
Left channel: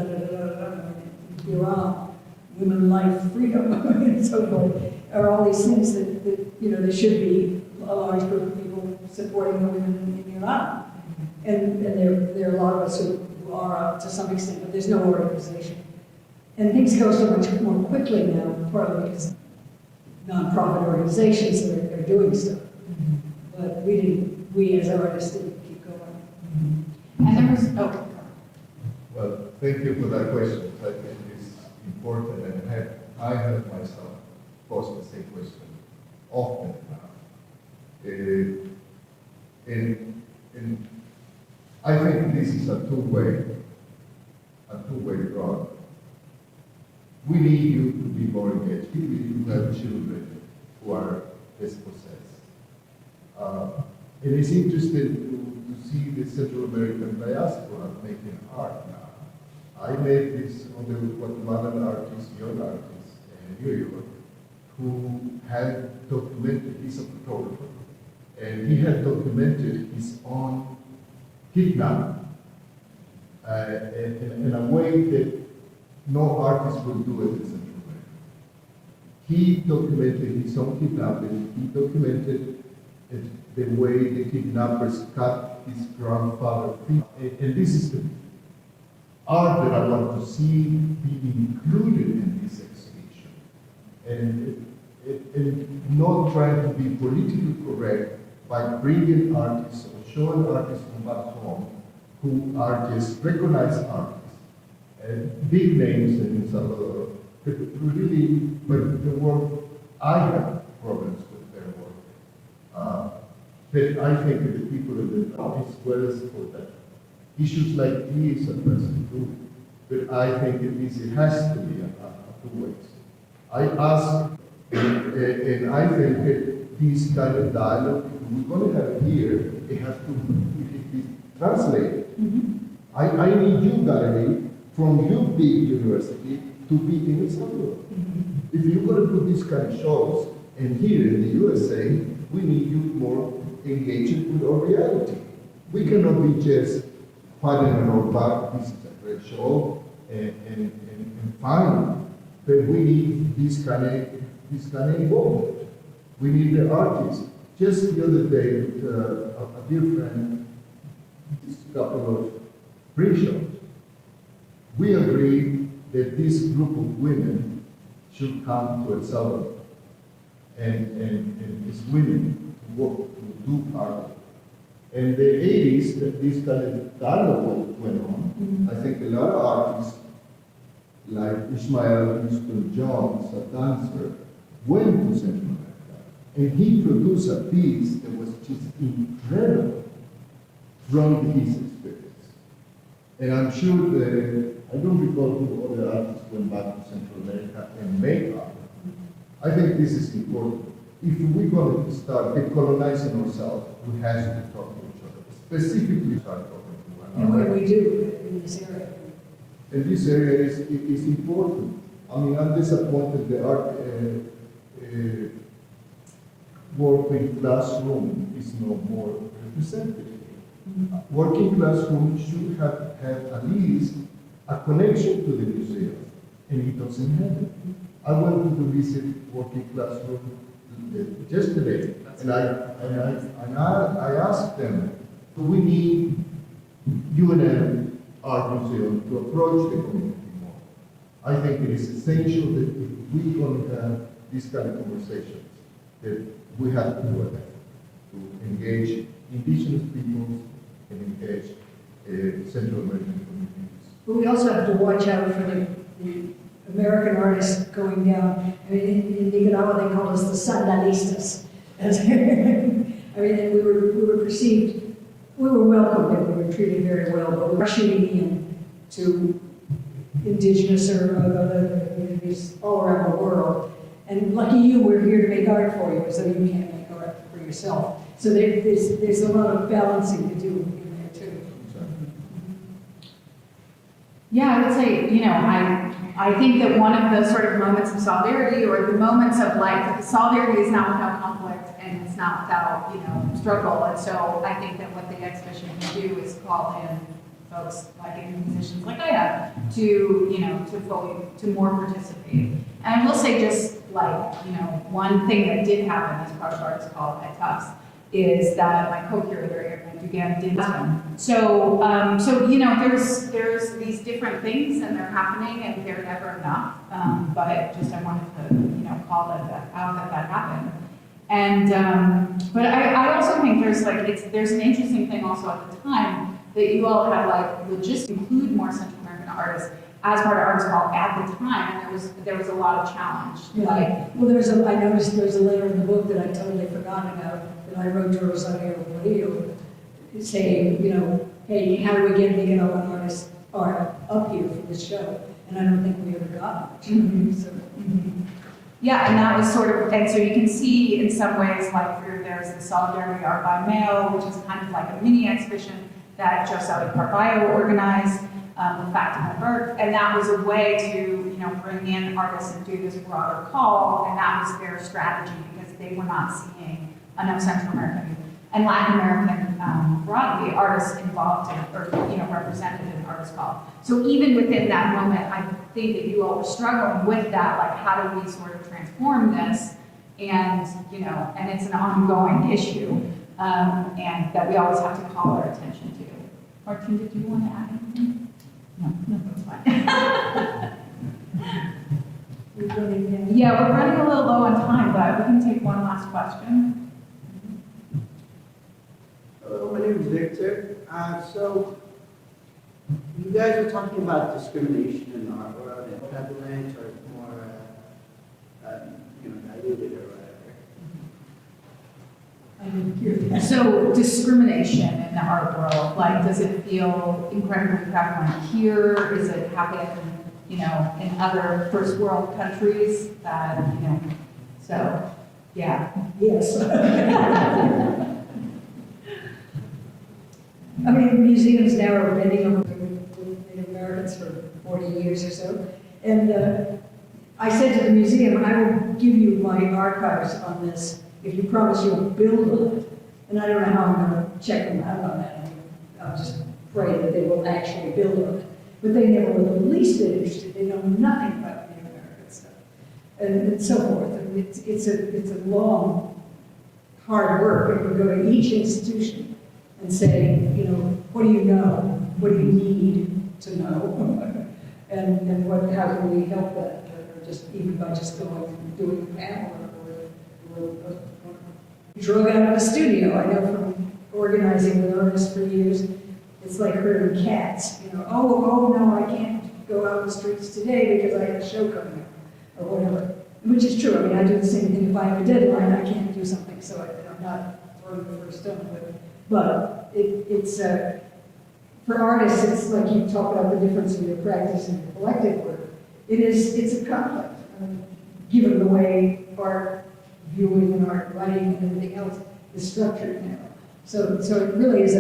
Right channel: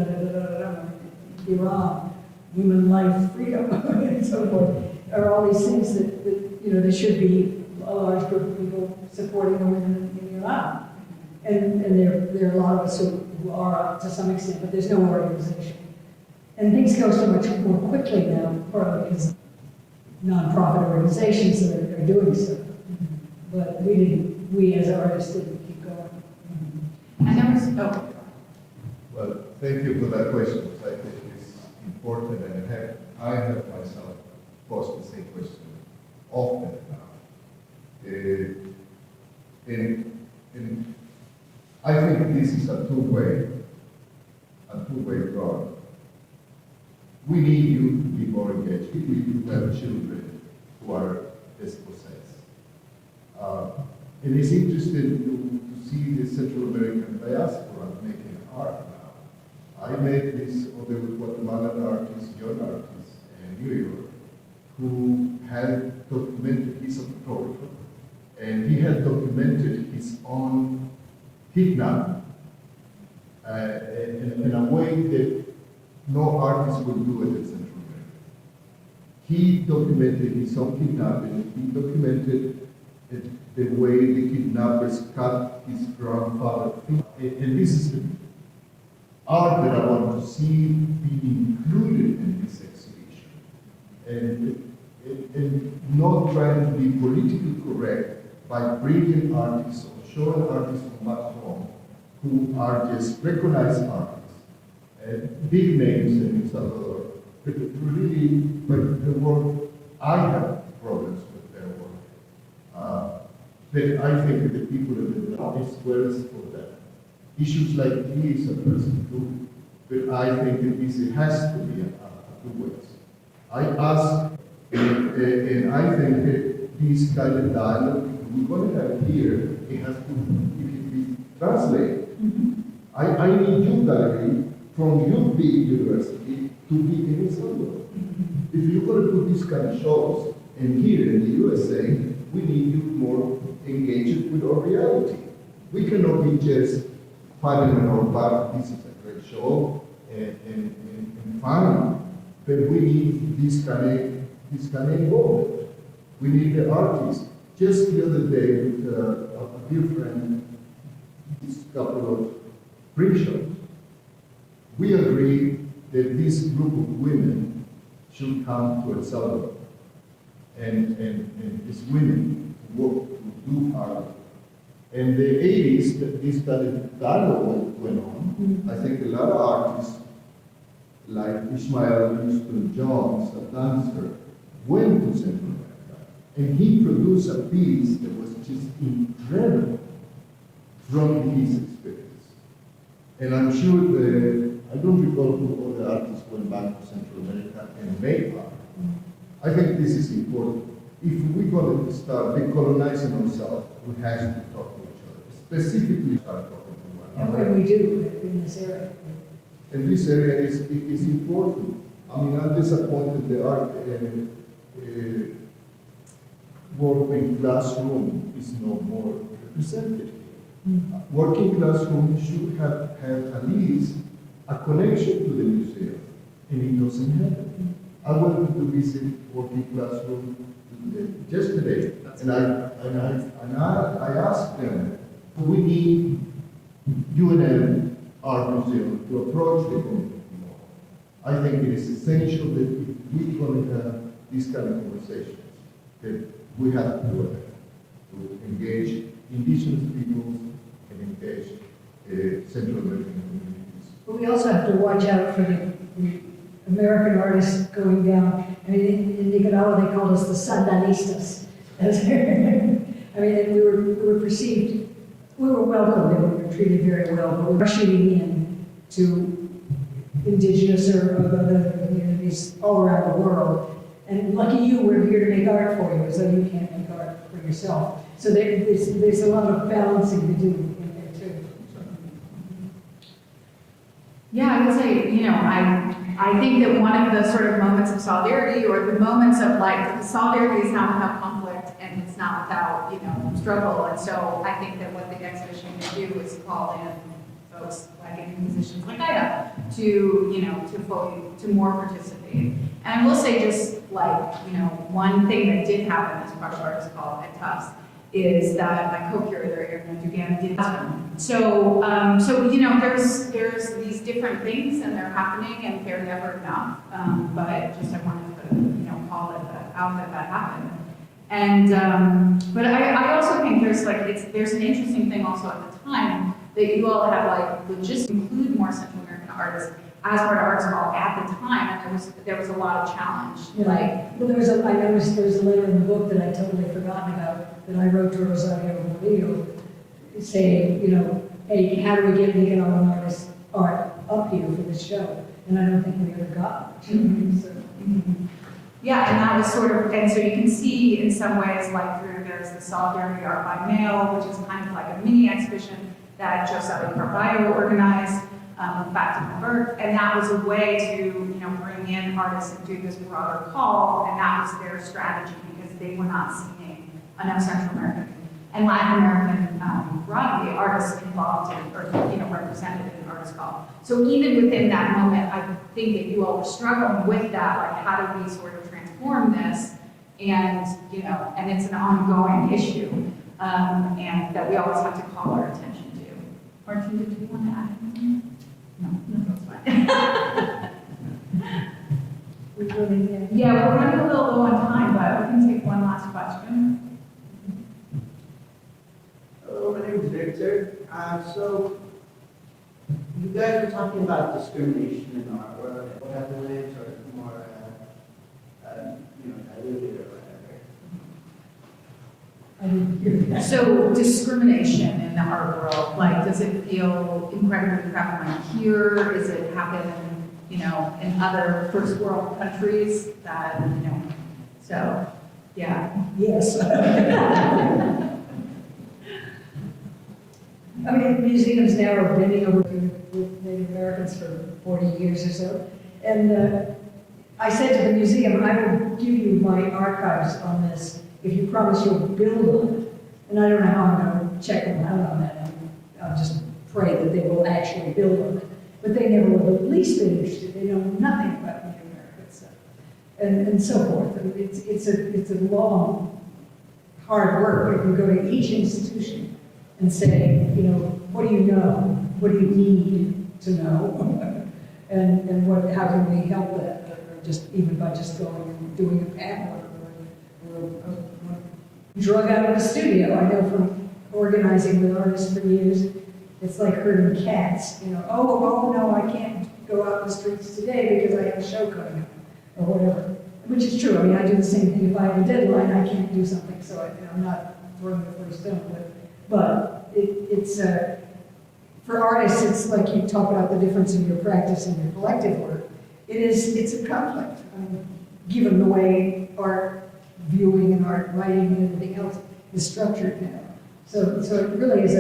Iran, women, life, freedom, and so forth, are all these things that there should be a large group of people supporting women in Iran. And there are a lot of us who are to some extent, but there's no organization. And things go so much more quickly now, partly because nonprofit organizations are doing stuff. But we as artists didn't keep going. And there was, Well, thank you for that question. I think it's important, and I have myself posed the same question often now. And I think this is a two-way road. We need you to be more engaged. We need to have children who are dispossessed. It is interesting to see the Central American diaspora making art now. I met this other Guatemalan artist, young artist in New York, who had documented, he's a photographer, and he had documented his own kidnapping in a way that no artist would do it in Central America. He documented his own kidnapping, he documented the way the kidnappers cut his grandfather's feet. And this is the art that I want to see be included in this exhibition. And not trying to be politically correct by bringing artists or showing artists from back home who are just recognized artists. Big names in El Salvador, but really, but the work, I have problems with their work. But I think that the people in the north as well as for that. Issues like these are present too, but I think it has to be a two ways. I ask, and I think that this kind of dialogue we're going to have here, it has to be translated. I need you, Gary, from your big university to be in El Salvador. If you're going to put these kind of shows, and here in the USA, we need you more engaged with our reality. We cannot be just fighting in our back, this is a great show, and fine. but we need this kind of involvement. We need the artists. Just the other day, with a dear friend, this couple of print shops, we agreed that this group of women should come to El Salvador and is willing to work, to do art. In the 80s, that this kind of dialogue went on. I think a lot of artists, like Ishmael Houston-Jones, a dancer, went to Central America, and he produced a piece that was just incredible from his experience. And I'm sure that, I don't recall who other artists went back to Central America and made art. I think this is important. If we're going to start decolonizing ourselves, we have to talk to each other, specifically start talking to one And another. what we do in this area. And this area is important. I mean, I'm disappointed the art working classroom is no more represented here. Working classroom should have had at least a connection to the museum, and it doesn't have it. I went to visit working classroom yesterday, and I asked them, we need UNM Art Museum to approach the community more. I think it is essential that if we're going to have these kind of conversations, that we have to do it, to engage indigenous peoples and engage Central American communities. But we also have to watch out for the American artists going down. I mean, in Nicaragua, they called us the sandanistas. I mean, and we were perceived, we were welcomed and we were treated very well, but we were shooting in to indigenous or other communities all around the world. And lucky you, we're here to make art for you, so you can't make art for yourself. So there's a lot of balancing to do in there too. Yeah, I would say, I think that one of the sort of moments of solidarity, or the moments of like, solidarity is not without conflict and it's not without, struggle. And so I think that what the exhibition can do is call in folks like musicians like I have to more participate. And I will say just like, one thing that did happen, these project artists called at Tufts, is that my co-curator, Abigail, did this. So there's these different things and they're happening and they're never enough. But just I wanted to, call that out that happened. And, but I also think there's an interesting thing also at the time that you all had like logistics include more Central American artists as part of Arts Hall at the time, and there was a lot of challenge. Yeah. Like, Well, I noticed there was a letter in the book that I totally forgotten about, that I wrote to Rosario Murillo, saying, hey, how do we get Nicaraguan artists art up here for this show? And I don't think we ever got it. So, yeah, and that was sort of, and so you can see in some ways, like there's the Solidarity Art by Mail, which is kind of like a mini exhibition that Joseph Carballo organized, Fatima Burke, and that was a way to, bring in artists and do this broader call, and that was their strategy because they were not seeing enough Central American and Latin American broadly artists involved in, or represented in Artist Call. So even within that moment, I think that you all were struggling with that, like how do we sort of transform this, and and it's an ongoing issue, and that we always have to call our attention to. Martin, did you want to add anything? No, that's fine. Yeah, we're running a little low on time, but we can take one last question. Hello, my name is Victor. So, you guys are talking about discrimination in art world and Guatemalan, or more, diluted or whatever. I didn't hear that. So discrimination in the art world, like, does it feel incredibly prevalent here? Is it happen, in other first world countries that, so, yeah. Yes. I mean, the museums now are bending over with Native Americans for 40 years or so. And I said to the museum, I will give you my archives on this if you promise you'll build on it. And I don't know how I'm going to check them out on that. I'll just pray that they will actually build on it. But they never were the least bit interested. They know nothing about Native Americans. and so forth. And it's a long, hard work. We can go to each institution and say, you know, what do you know? What do you need to know? and how can we help that? Or just even by just going and doing a panel or drug out of the studio. I know from organizing with artists for years, it's like herding cats. You know, oh no, I can't go out in the streets today because I have a show coming up, or whatever. Which is true. I mean, I do the same thing. If I have a deadline, I can't do something, so I'm not throwing the first stone. But it's for artists, it's like you talk about the difference in your practice and your collective work. It's a conflict, given the way art viewing and art writing and everything else is structured now. So it really is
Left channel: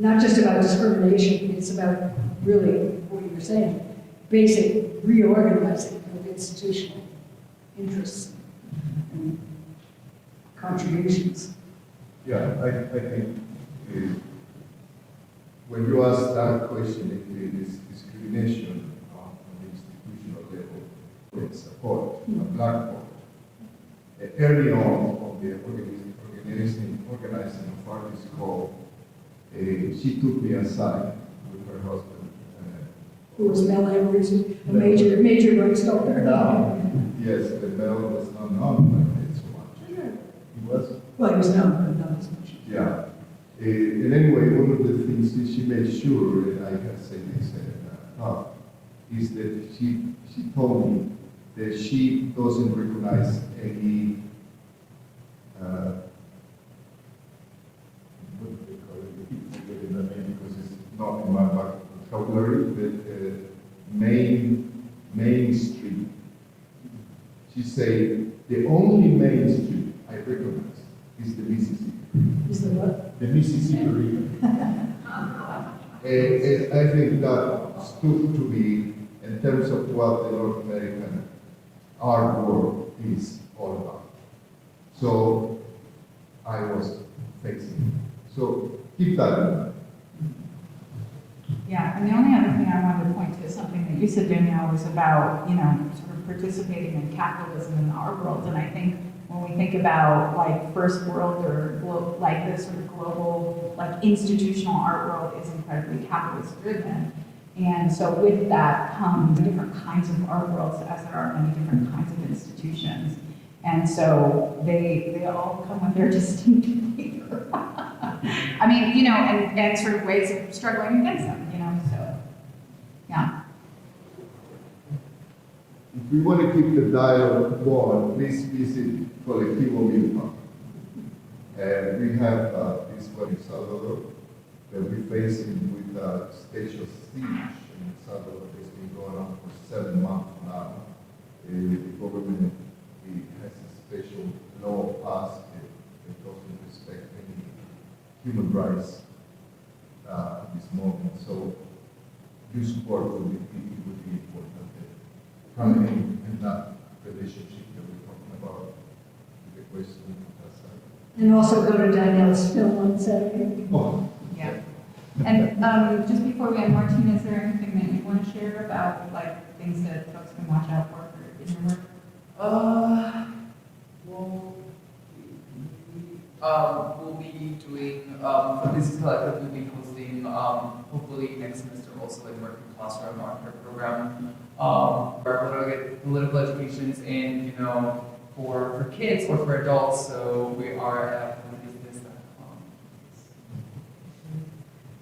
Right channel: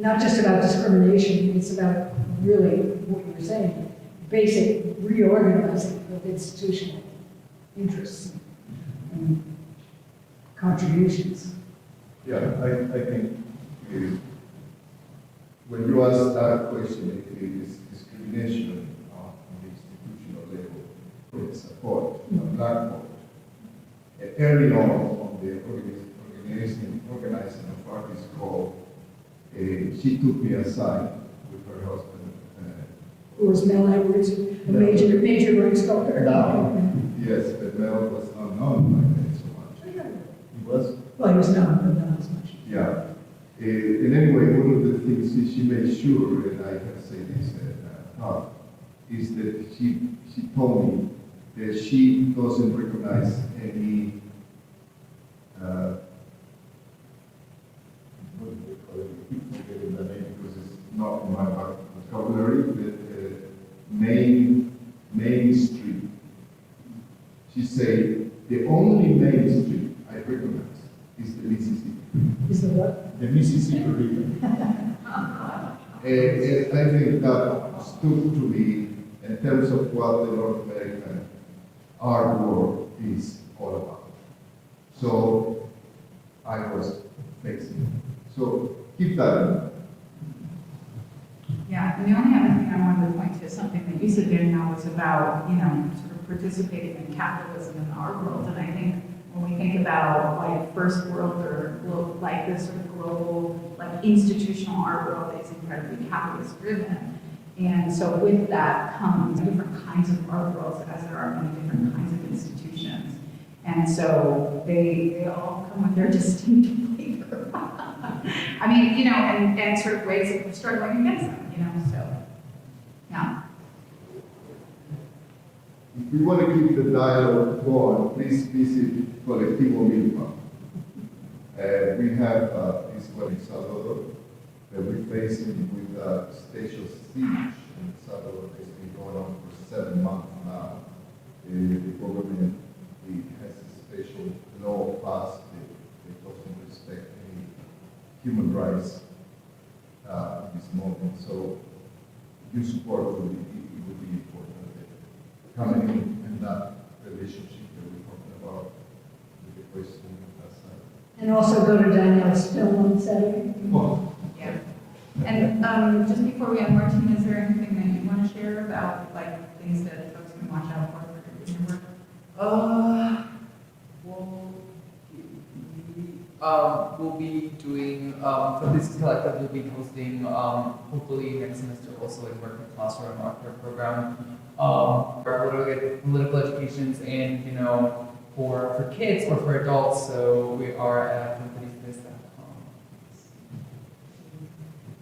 not just about discrimination, it's about really what you're saying, basic reorganizing of institutional interests and contributions. Yeah, I think when you ask that question, it is discrimination on the institutional level for support, not early on the organizing of artists called, she took me aside with her husband. Who was Mel Edwards, a major rock sculptor. Yes, but Mel was not known by me so much. He was? Well, he was known, but not as much. Yeah. And anyway, one of the things that she made sure, and I can say this is that she told me that she doesn't recognize any what do they call it? I keep forgetting the name because it's not in my vocabulary, but main street. She said the only main street I recognize is the Mississippi. Is the what? The Mississippi River. And I think that stood to me in terms of what the North American art world is all about. So I was facing. So keep that in mind. Yeah, and the only other thing I wanted to point to is something that you said, Danielle, was about, you know, sort of participating in capitalism in our world. And I think when we think about like first world or like this sort of global, like institutional art world is incredibly capitalist driven. And so with that comes different kinds of art worlds as there are many different kinds of institutions. And so they all come with their distinct flavor. I mean, you know, and sort of ways of struggling against them, you know, so, yeah. If we want to keep the dialogue going, please visit Colectivo Milpa. We have this one in Salvador that we're facing with a stage of siege in Salvador that's been going on for 7 months now. The government has a special law passed that doesn't respect any human rights at this moment. So your support would be important. Coming in that relationship that we're talking about with the question of that side. And also go to Danielle's film on Saturday. Oh, Yeah. And just before we end, Martin, is there anything that you want to share about like things that folks can watch out for in your work? We'll be doing, for this collective, we'll be posting, hopefully next semester also in working classroom art program. For political educations and, you know, for kids or for adults, so we are at educator.com.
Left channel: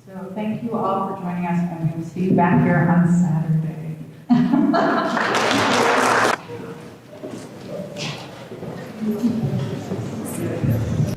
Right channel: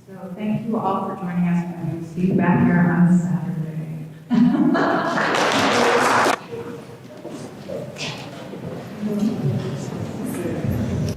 So thank you all for joining us, and we'll see you back here on Saturday.